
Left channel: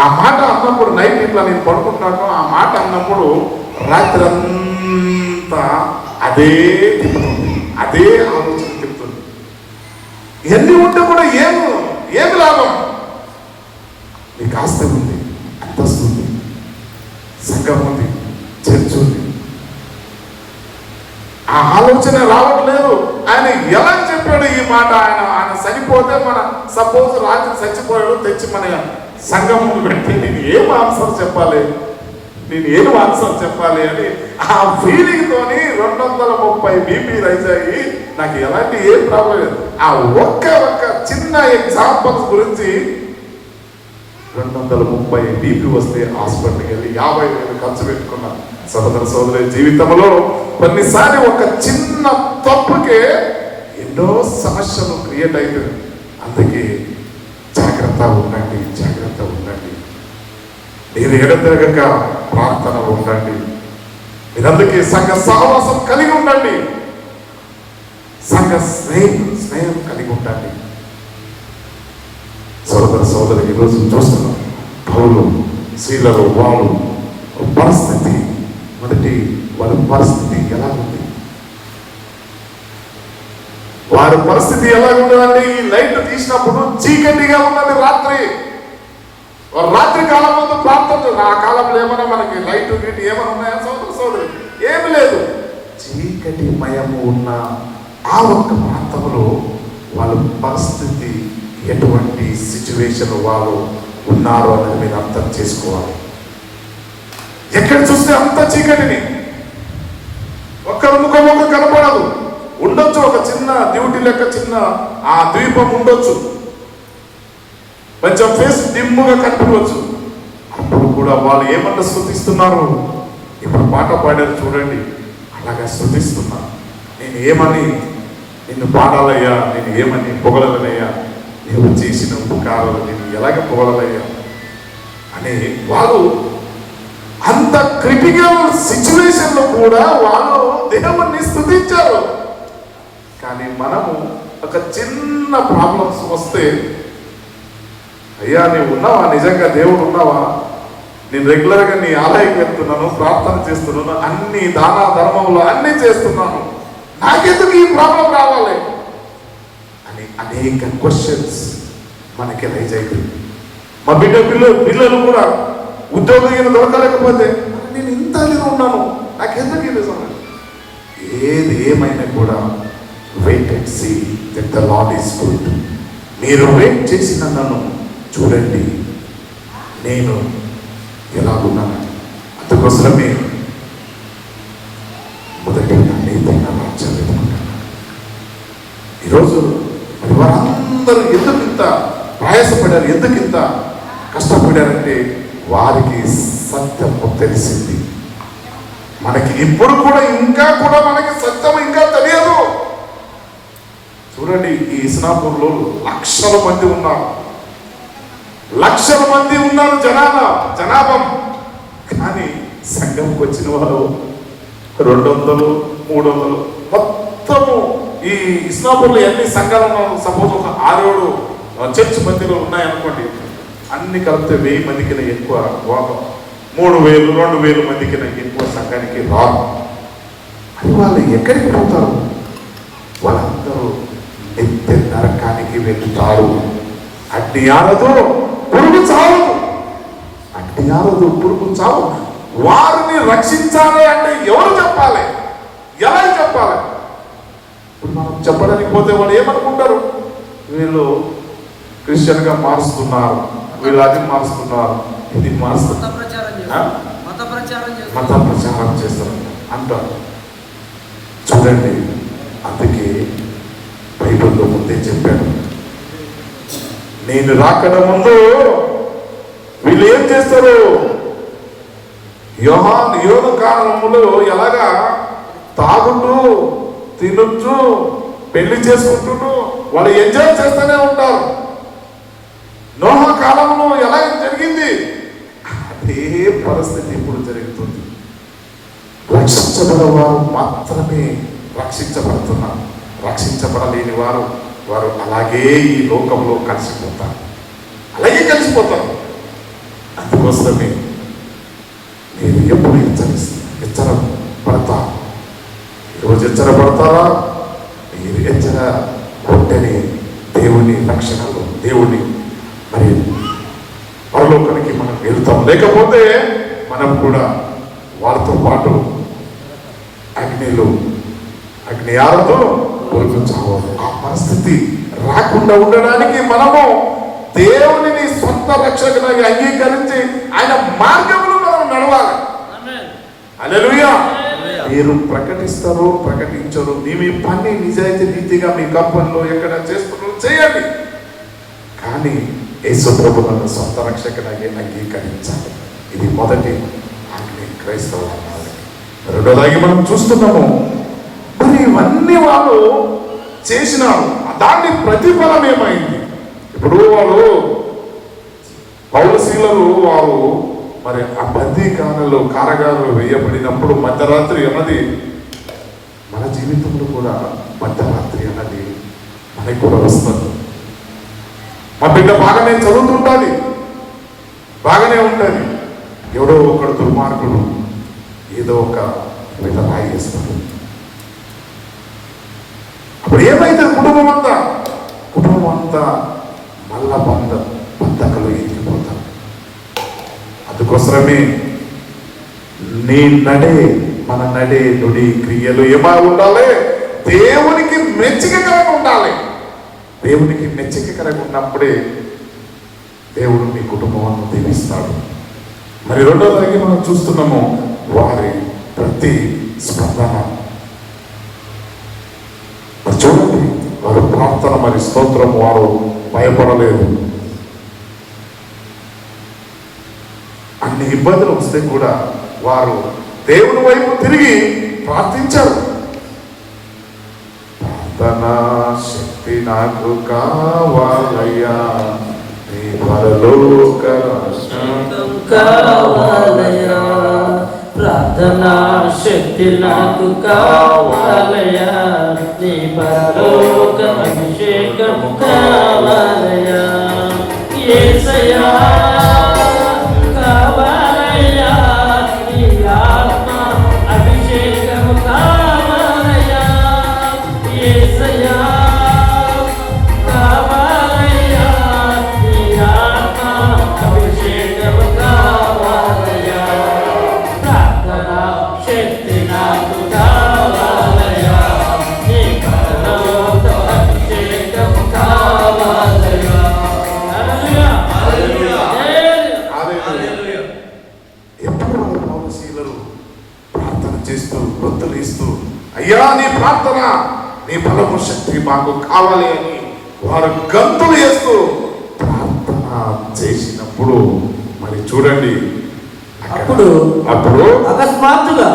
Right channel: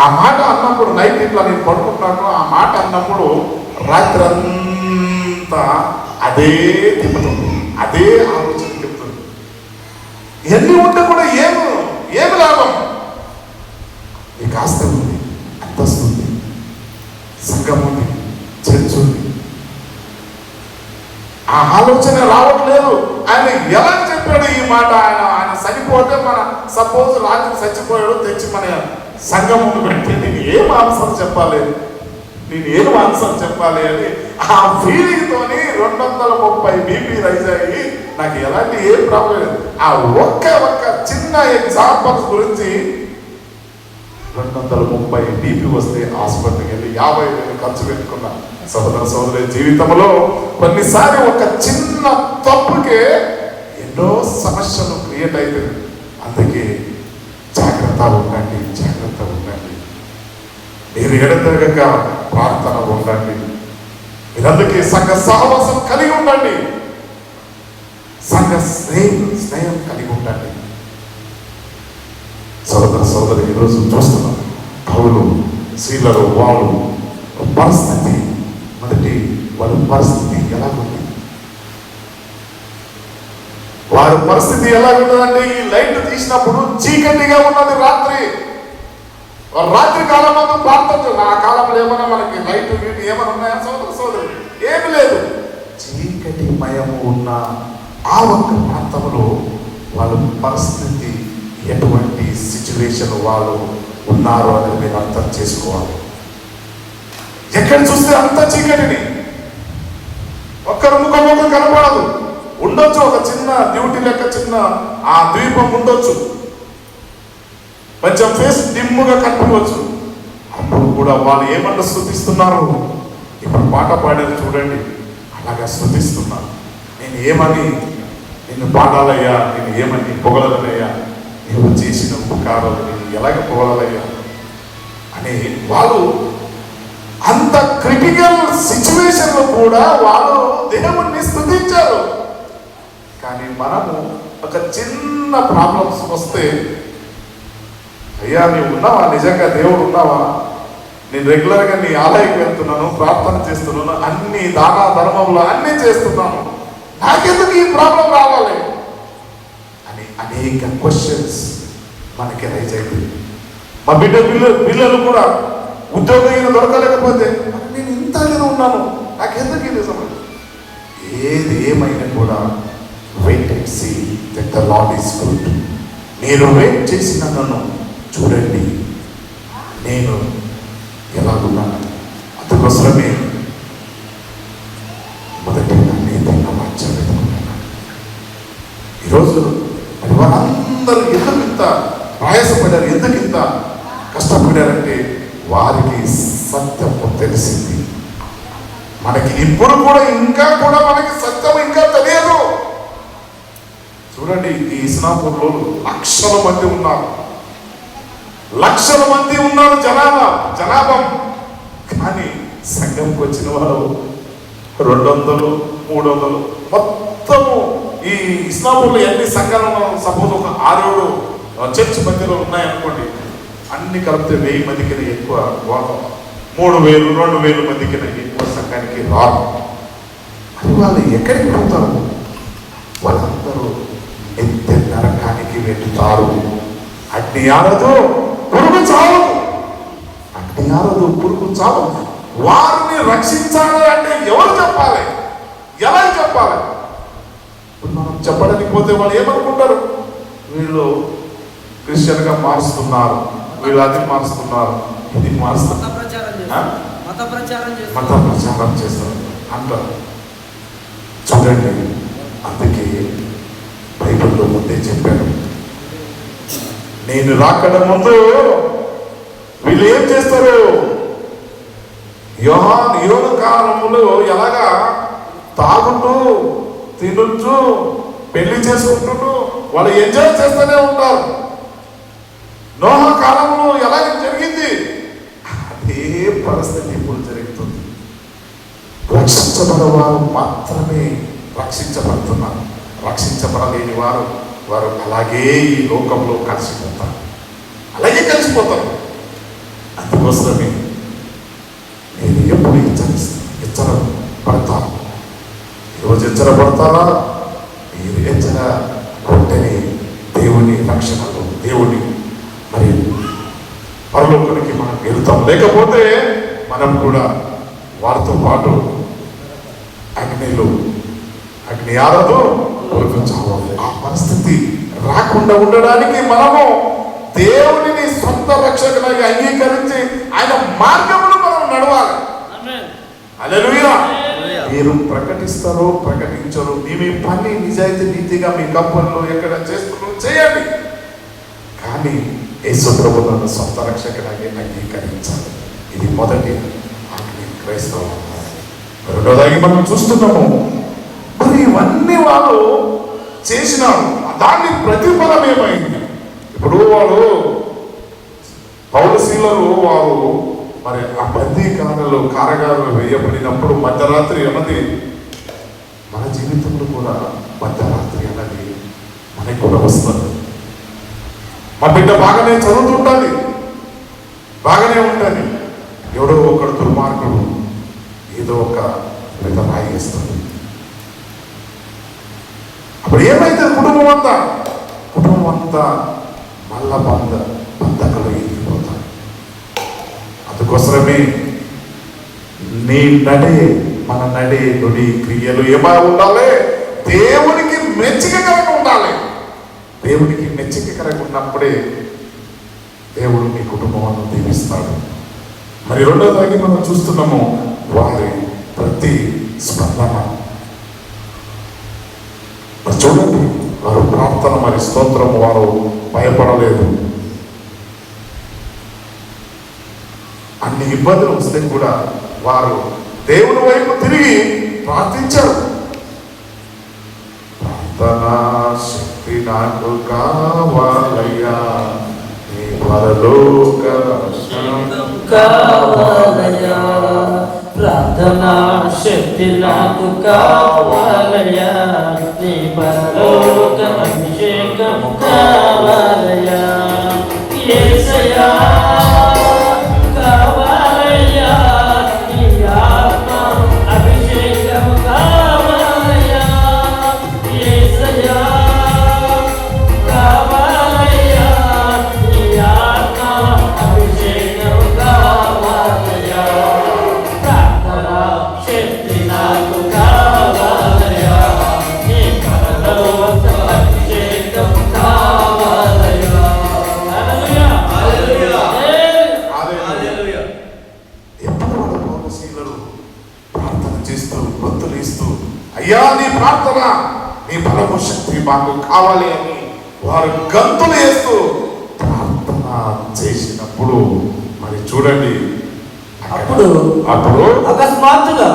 ఆ మాట అన్నప్పుడు నైట్ ఇట్లా నేను పడుకుంటున్నాను, ఆ మాట అన్నప్పుడు రాత్రి అంతా అదే తిప్పుతుంది, అదే ఆలోచన చెప్తుంది. ఎన్ని ఉంటే కూడా ఏమి లాభం? నీకు ఆస్తి ఉంది, అంతస్తు ఉంది, సంఘం ఉంది, చర్చ్ ఉంది, ఆ ఆలోచన రావట్లేదు. ఆయన ఎలా చెప్పాడు ఈ మాట? ఆయన చనిపోతే మన సపోజ్ రాత్రి చచ్చిపోయాడు, తెచ్చి మన సంఘం పెడితే నేను ఏం ఆన్సర్ చెప్పాలి? నేను ఏం ఆన్సర్ చెప్పాలి అని ఆ ఫీలింగ్ తోని 230 బీపీ రైజ్ అయ్యి నాకు ఎలాంటి ఏం ప్రాబ్లం లేదు. ఆ ఒక్క చిన్న ఎగ్జాంపుల్స్ గురించి 230 బీపీ వస్తే హాస్పిటల్కి వెళ్ళి 50,000 ఖర్చు పెట్టుకున్నా. సోదరి జీవితంలో కొన్నిసారి ఒక చిన్న తప్పుకే ఎన్నో సమస్యలు క్రియేట్ అవుతుంది. అందుకే జాగ్రత్త ఉండండి. మీరు ఎడతెగక ప్రార్థన ఉండండి. మీరు అందుకే సంఘ సహవాసం కలిగి ఉండండి. సంఘ స్నేహం కలిగి ఉండండి. సోదరు ఈరోజు చూస్తున్నాం పౌలు శీలలో వారు పరిస్థితి వారి పరిస్థితి ఎలా ఉంది? వారి పరిస్థితి ఎలా ఉన్నదండి? ఈ లైట్ తీసినప్పుడు చీకటిగా ఉన్నది. రాత్రి కాలం అంతా ప్రార్థన. ఆ కాలంలో ఏమైనా మనకి లైట్ గీటి ఏమైనా ఉన్నాయా సోదరు? ఏమి లేదు. చీకటి మయము ఉన్న ఆ ఒక్క ప్రాంతంలో వాళ్ళ పరిస్థితి ఎటువంటి సిచ్యువేషన్ వాళ్ళు ఉన్నారో అని మీరు అర్థం చేసుకోవాలి. ఎక్కడ చూస్తే అంత చీకటిని, ఒక్కరు ముఖం కనపడదు. ఉండొచ్చు ఒక చిన్న డ్యూటీ లెక్క చిన్న ఆ ద్వీపం ఉండొచ్చు, కొంచెం ఫేస్ డిమ్ముగా కనిపించవచ్చు. అప్పుడు కూడా వాళ్ళు ఏమన్నా స్తుతిస్తున్నారు. ఇప్పుడు పాట పాడారు చూడండి, అలాగా స్తుతిస్తున్నారు. నేను ఏమని నిన్ను పాడాలయ్యా, నేను ఏమని పొగలనయ్యా, నువ్వు చేసిన ఉపకారాలు నేను ఎలాగ పొగలయ్యా అని వాళ్ళు అంత క్రిటికల్ సిచ్యువేషన్ లో కూడా వాళ్ళు దేవుణ్ణి స్తుతించారు. కానీ మనము ఒక చిన్న ప్రాబ్లమ్స్ వస్తే, అయ్యా నీవు ఉన్నావా, నిజంగా దేవుడు ఉన్నావా, నేను రెగ్యులర్గా నీ ఆలయకి వెళ్తున్నాను, ప్రార్థన చేస్తున్నాను, అన్ని దాన ధర్మంలో అన్ని చేస్తున్నాను, నాకెందుకు ఈ ప్రాబ్లం రావాలి అని అనేక క్వశ్చన్స్ మనకి రైజ్ అవుతుంది. మా పిల్లలు కూడా ఉద్యోగం దొరకలేకపోతే నేను ఇంతగా ఉన్నాను, నాకెందుకు ఇది సమస్య? ఏది ఏమైనా కూడా wait and see that the Lord is good. నేను వెయిట్ చేసిన నన్ను చూడండి, నేను ఎలా ఉన్నాను. అందుకోసమే మొదటి ఈరోజు వారందరూ ఎందుకు ఇంత ప్రయాసపడారు, ఎందుకు ఇంత కష్టపడారంటే వారికి సత్యం తెలిసింది. మనకి ఇప్పుడు కూడా ఇంకా కూడా మనకి సత్యం ఇంకా తెలియదు. చూడండి, ఈ ఇస్లాంపూర్లో లక్షల మంది ఉన్నారు జనాభా. కానీ సంఘంకి వచ్చిన వారు 200, 300. మొత్తము ఈ ఇస్లాంపూర్లో ఎన్ని సంఘాలు సపోజ్ 6-7 చర్చ్ మధ్యలో ఉన్నాయనుకోండి, అన్ని కలిపితే 1000 మందికి ఎక్కువ, 3000, 2000 మందికి ఎక్కువ సంఘానికి రాదు. అది వాళ్ళు ఎక్కడికి పోతారు? వాళ్ళందరూ నిత్య నరకానికి వెళ్తారు. అగ్ని ఆరదు, పురుగు చావు. వారిని రక్షించాలి అంటే ఎవరు చెప్పాలి? ఎలా చెప్పాలి? చెప్పడానికి పోతే వాళ్ళు ఏమనుకుంటారు? వీళ్ళు క్రిస్టియన్ గా మారుస్తున్నారు, వీళ్ళు అది మారుస్తున్నారు, ఇది మారుస్తున్నారు, మత ప్రచారం చేస్తారు అంటారు. చూడండి, అందుకే బైబిల్లో ముందే చెప్పాను, నేను రాకడ ముందు వీళ్ళు ఏం చేస్తారు? యోను కాలంలో ఎలాగా తాగుతూ తినొచ్చు, పెళ్లి చేసుకుంటూ వాళ్ళు ఎంజాయ్ చేస్తూనే ఉంటారు. నోహ కాలంలో ఎలా జరిగింది అదే పరిస్థితి ఇప్పుడు జరుగుతుంది. రక్షించబడిన వారు మాత్రమే రక్షించబడుతున్నారు. రక్షించబడలేని వారు అలాగే ఈ లోకంలో కలిసిపోతారు. అందుకోసమే మీరు ఎప్పుడు హెచ్చరపడతారు. ఈరోజు హెచ్చరపడతారా? మీరు హెచ్చర కొట్టని దేవుని రక్షణలో దేవుని మరి పరలోకానికి మనం వెళ్తాం. లేకపోతే మనం కూడా వారితో పాటు అగ్ని ఆరదు, ఆ పరిస్థితి రాకుండా ఉండడానికి మనము దేవుని సొంత రక్షకునిగా అంగీకరించి ఆయన మార్గంలో మనం నడవాలి. హల్లెలూయా. మీరు ప్రకటిస్తారు, ప్రకటించరు, మీ పని నిజాయితీ నీతిగా మీ కంపెనీలో ఎక్కడ చేస్తున్నారో చేయండి. కానీ యేసు ప్రభువును సొంత రక్షకునిగా అంగీకరించాలి. ఇది మొదటి ఆజ్ఞ క్రైస్తవ. రెండోదాగి మనం చూస్తున్నాము, మరి ఇవన్నీ వాళ్ళు చేసినారు, దాన్ని ప్రతిఫలం ఏమైంది? ఇప్పుడు వాళ్ళు పౌరశీలలు వారు మరి ఆ బందీఖానలో కారాగారంలో వేయబడినప్పుడు మధ్యరాత్రి అన్నది మన జీవితంలో కూడా మధ్యరాత్రి అన్నది మనకి కూడా వస్తుంది. మా బిడ్డ బాగానే చదువుతుంటుంది, బాగానే ఉంటుంది, ఎవడో ఒకడు దుర్మార్గుడు ఏదో ఒక విధంగా చేస్తాడు. అప్పుడు ఏమైతే కుటుంబం అంతా మళ్ళా బంధకలు ఎదిగిపోతారు. అందుకోసమే మన నడే నుడి క్రియలు ఏమా ఉండాలి? దేవునికి మెచ్చికకరంగా ఉండాలి. దేవునికి మెచ్చికకరంగా ఉన్నప్పుడే దేవుడు నీ కుటుంబాలను దీవిస్తాడు. మరి రెండోదాగి మనం చూస్తున్నాము, వారి ప్రతి స్పందన. చూడండి, వారు ప్రార్థన మరి స్తోత్రం, వారు భయపడలేదు. అన్ని ఇబ్బందులు వస్తే కూడా వారు దేవుని వైపు తిరిగి ప్రార్థించారు. ప్రార్థనా శక్తి నాకు కావాలయ్యా, నీ పరలోక దర్శనం కావాలయ్యా, ప్రార్థనా శక్తి నాకు కావాలయ్యా, నీ పరలోక అభిషేకం కావాలయ్యా, యేసయ్యా కావాలయ్యా, నీ ఆత్మ అభిషేకం కావాలయ్యా, యేసయ్యా కావాలయ్యా, నీ ఆత్మ అభిషేకం కావాలయ్యా, ప్రార్థనా శక్తి నాకు కావాలయ్యా, నీ పరలోక అభిషేకం కావాలయ్యా. హల్లెలూయా, హల్లెలూయా. ఎప్పుడు మన పౌరశీలలు ప్రార్థన చేస్తూ బతులు ఇస్తూ, అయ్యా నీ ప్రార్థన, నీ బలము శక్తి మాకు కావాలి అని వారు గంతులు వేస్తూ ప్రార్థన చేసినప్పుడు మరి చూడండి, అప్పుడు అకస్మాత్తుగా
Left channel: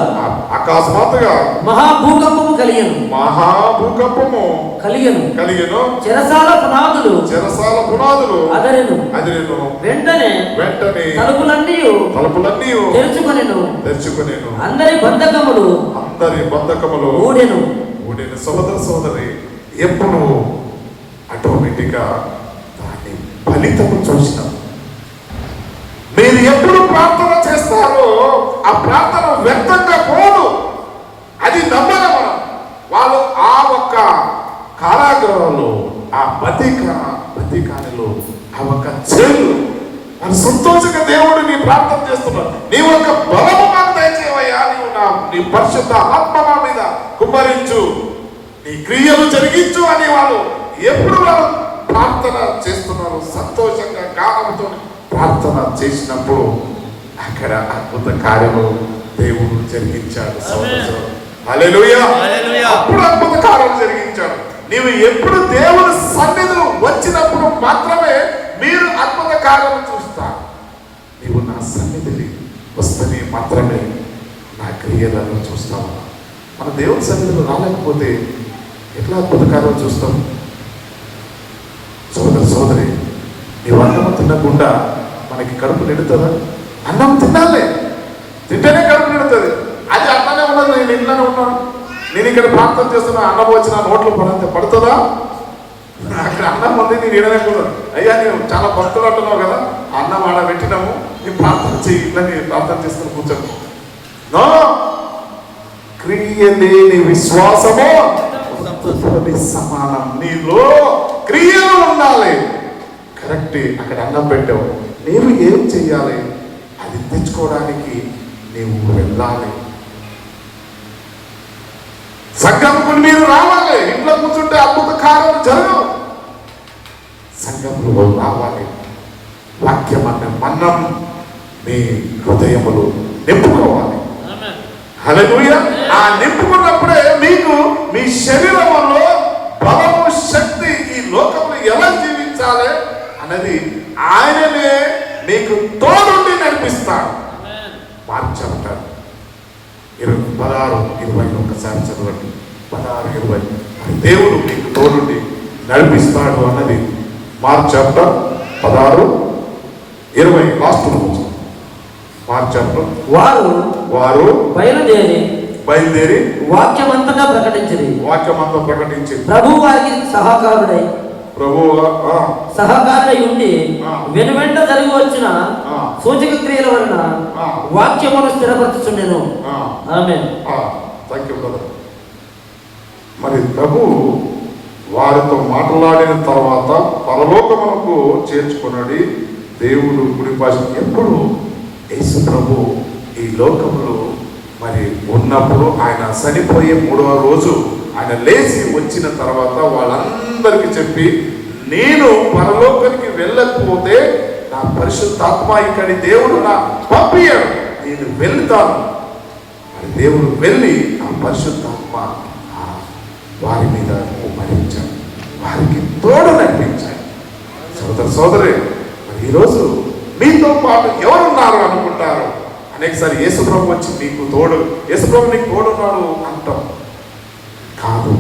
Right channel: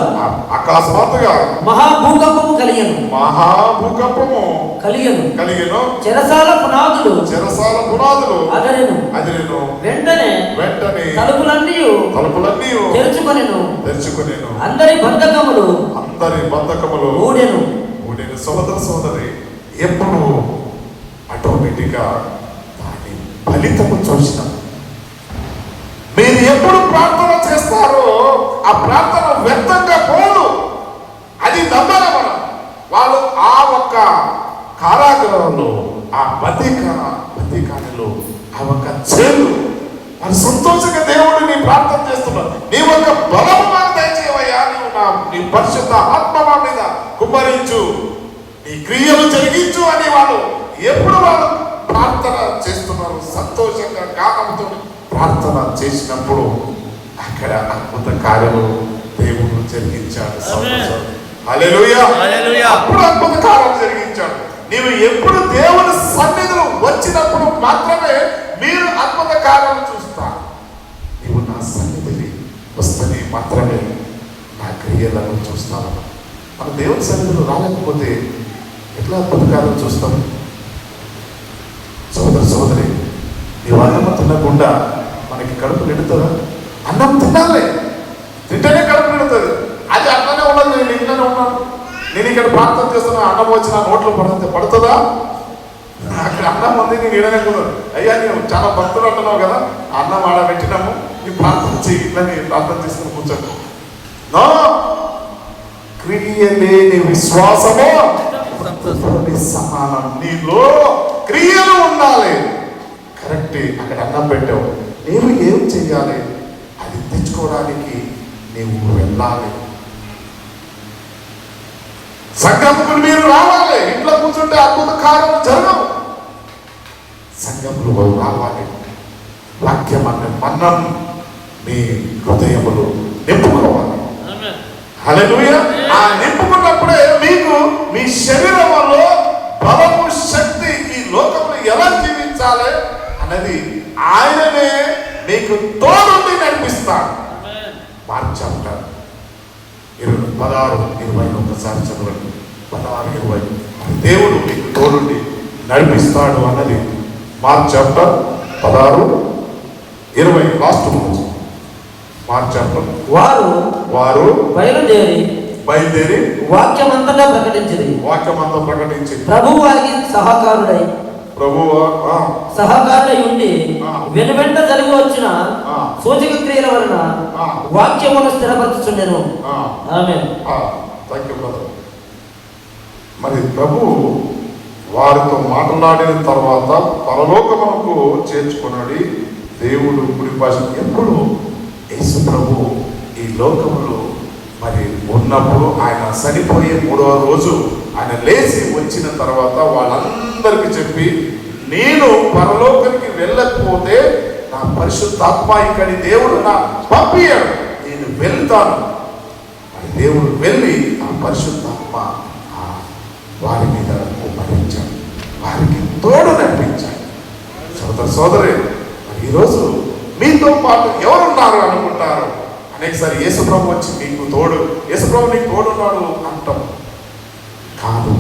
మహాభూకంపము కలిగెను. చెరసాల పునాదులు అదరెను. వెంటనే తలుపులన్నీ తెరుచుకొనెను. అందరి బంధకములు ఊడెను. సోదరి ఎప్పుడు ఆటోమేటిక్ గా దాని ఫలితము చూసినాం. మీరు ఎప్పుడు ప్రార్థన చేస్తారో ఆ ప్రార్థన వ్యర్థంగా పోదు, అది నమ్మాలి మనం. వాళ్ళు ఆ ఒక్క కారాగారంలో, ఆ బతికానిలో ఆ ఒక్క చేలు అది సంతోషంగా దేవుడు నీ ప్రార్థన చేస్తున్నావు. నీ ఒక బలము నాకు దయచేవయ్యా, నీ పరిశుద్ధ ఆత్మ నా మీద కుమ్మరించు, నీ క్రియలు జరిగించు అని వాళ్ళు ఎప్పుడు వాళ్ళు ప్రార్థన చేస్తున్నారు, సంతోషంగా గానంతో ప్రార్థన చేసినప్పుడు అక్కడ అద్భుత కార్యము దేవుడు జరిగించాడు. హల్లెలూయా, అప్పుడు అద్భుత కార్యం జరిగించాడు. నీవు ఎప్పుడు దేవుని సన్నిధిలో వచ్చినప్పుడు మాత్రమే మీరు అద్భుత కార్యం చూస్తారు. నీవు నా సన్నిధిని వస్తేనే మాత్రమే నా క్రియలను చూస్తావు. మన దేవుని సన్నిధిలో రాలేకపోతే ఎట్లా అద్భుత కార్యం చూస్తాం? సోదరి, నీవు అన్నం తినకుండా మనకి కడుపు నిండుతుందా? అన్నం తినాలి, తింటేనే కడుపు నిండుతుంది. అది అన్ననే ఉన్నది, నేను ఇంట్లోనే ఉన్నాను, నేను ఇక్కడ ప్రార్థన చేస్తున్నా, అన్నం వచ్చి నా నోట్లో పడుతుందా? అక్కడ అన్నం ఉంది, నేను ఇడనే పోదాను. అయ్యా నేను చాలా భక్తులు అంటున్నావు కదా, అన్నం ఆడ పెట్టినాము, నీ ప్రార్థన చెయ్యి, ఇట్లని ప్రార్థన చేసుకుని కూర్చోము. నో, క్రియ లేని విశ్వాసము సమానం. నీలో క్రియలు ఉండాలి. కరెక్ట్, అక్కడ అన్నం పెట్టావు, నీవు ఏం చెయ్యాలి? అది తెచ్చుకోవడానికి నీవు వెళ్ళాలి. సంఘంకు మీరు రావాలి. ఇంట్లో కూర్చుంటే అద్భుత కార్యాలు జరగవు. సంఘంలో రావాలి. వాక్యం అన్న మన్నం మీ హృదయములు నింపుకోవాలి. హల్లెలూయా. ఆ నింపుకున్నప్పుడే మీకు మీ శరీరంలో బలము, శక్తి, ఈ లోకంలో ఎలా జీవించాలి అన్నది ఆయననే మీకు తోడుండి నడిపిస్తాడు. మార్చారు 16-20 ఒకసారి చదవండి. 16-20 దేవుడు మీకు తోడుండి నడిపిస్తాడు అన్నది మార్క్ చాప్టర్ 16-20 లాస్ట్ రోజు. మార్క్ చాప్టర్ వారు బయలుదేరి వాక్యమంతటా ప్రకటించి ప్రభు వారికి సహకారుడై ఉండి వెనువెంట జరిగి వచ్చిన సూచక క్రియల వలన వాక్యమును స్థిరపరచుచుండెను. ఆమేన్. మరి ప్రభు వారితో మాట్లాడిన తర్వాత పరలోకమునకు చేర్చుకున్నది దేవుడు గురి భాష. ఎప్పుడు యేసు ప్రభు ఈ లోకంలో మరి ఉన్నప్పుడు ఆయన చనిపోయే 3వ రోజు ఆయన లేచి వచ్చిన తర్వాత వాళ్ళందరికీ చెప్పి, నేను పరలోకానికి వెళ్ళకపోతే నా పరిశుద్ధాత్మ ఇక్కడి దేవుడు నా పంపియాడు, నేను వెళ్తాను. మరి దేవుడు వెళ్ళి ఆ పరిశుద్ధాత్మ వారి మీద కుమ్మరించాడు, వారికి తోడు నడిపించాడు. సోదరి మరి ఈరోజు మీతో పాటు ఎవరున్నారు అనుకుంటారు? అనేకసారి యేసుప్రభు వచ్చి మీకు తోడు, యేసుప్రభు నీకు తోడున్నాడు అంటాం. కాదు,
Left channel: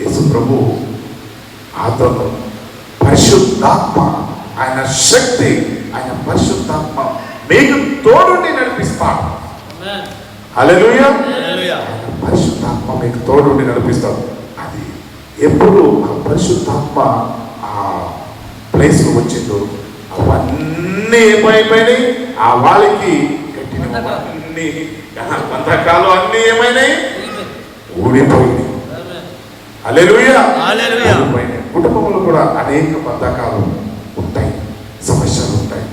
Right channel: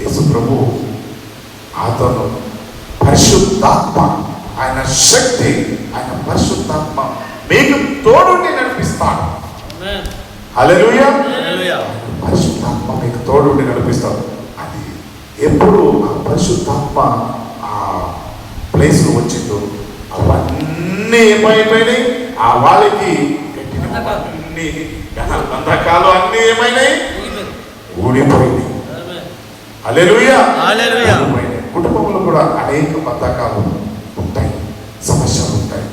యేసుప్రభు అతను పరిశుద్ధాత్మ, ఆయన శక్తి, ఆయన పరిశుద్ధాత్మ మీకు తోడుండి నడిపిస్తాడు. హల్లెలూయా. పరిశుద్ధాత్మ మీకు తోడుండి నడిపిస్తాడు. అది ఎప్పుడు ఆ పరిశుద్ధాత్మ ఆ ప్లేస్ వచ్చిందో అవన్నీ ఏమైపోయినాయి, ఆ వాళ్ళకి అన్ని బంధకాలు అన్ని ఏమైనాయి, ఊడిపోయినాయి. హల్లెలూయా. కుటుంబంలో కూడా అనేక బంధకాలు ఉంటాయి, సమస్యలు ఉంటాయి,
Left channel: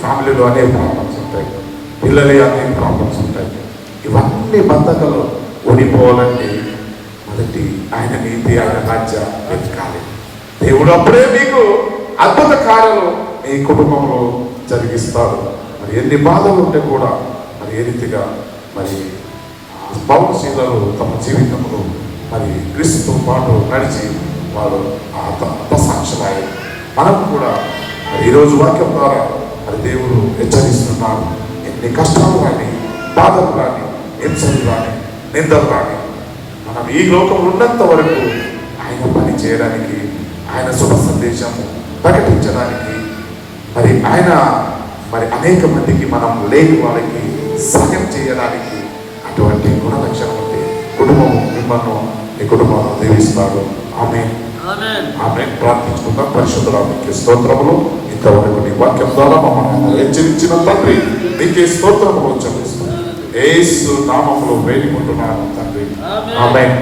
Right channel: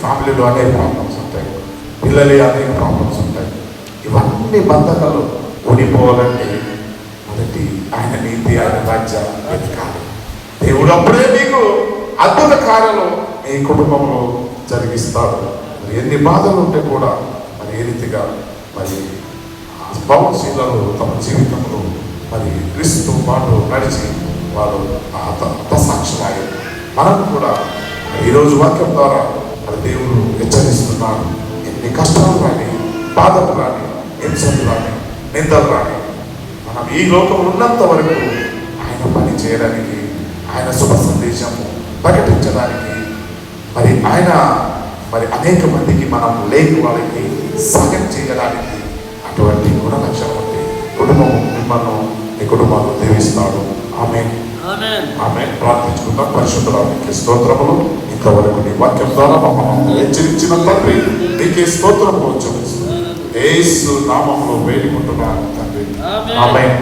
ఫ్యామిలీలో అనేక ప్రాబ్లమ్స్ ఉంటాయి, పిల్లలే అనేక ప్రాబ్లమ్స్ ఉంటాయి. ఇవన్నీ బంధకాలు ఊడిపోవాలంటే మొదటి ఆయన నీతి, ఆయన రాజ్య వెతకాలి. దేవుడు అప్పుడే మీకు అద్భుత కార్యాలు ఈ కుటుంబంలో జరిగిస్తాడు. మరి ఎన్ని బాధలు ఉంటే కూడా మరి ఏ రీతిగా మరి భవనశీలను తమ జీవితంలో మరి క్రీస్తుతో పాటు నడిచి వారు సాక్షులయ్యారు. మనం కూడా ఈరోజు వాక్యం ద్వారా మరి దేవుడు హెచ్చరిస్తున్నాడు. ఎన్ని కష్టాలు కానీ, బాధలు కానీ, హింసలు కానీ, నిందలు కానీ, మనం ఈ లోకం ఉన్నంత వరకు ఆయన పని చేయడానికి, ఆయన శుభ సందేశము ప్రకటించడానికి, మరి ఆయన మరి అనేక మందికి మనం లేని వాళ్ళకి సహాయం చేయడానికి అటువంటి గుణలక్షణం ఉంటే కుటుంబం మిమ్మల్ని ఈ కుటుంబాన్ని దీవిస్తాడు. ఆమేన్. ప్రార్థించుకుందాం. పరిశుద్ధునికి స్తోత్రములు. ఇంతవరకు నీ వాక్యం ద్వారా మమ్మల్ని హెచ్చరించిన తండ్రి నీకే స్తోత్రములు చెల్లిస్తున్నాను. యేసు నామములో వేడుకుంటున్నాను తండ్రి. ఆమేన్.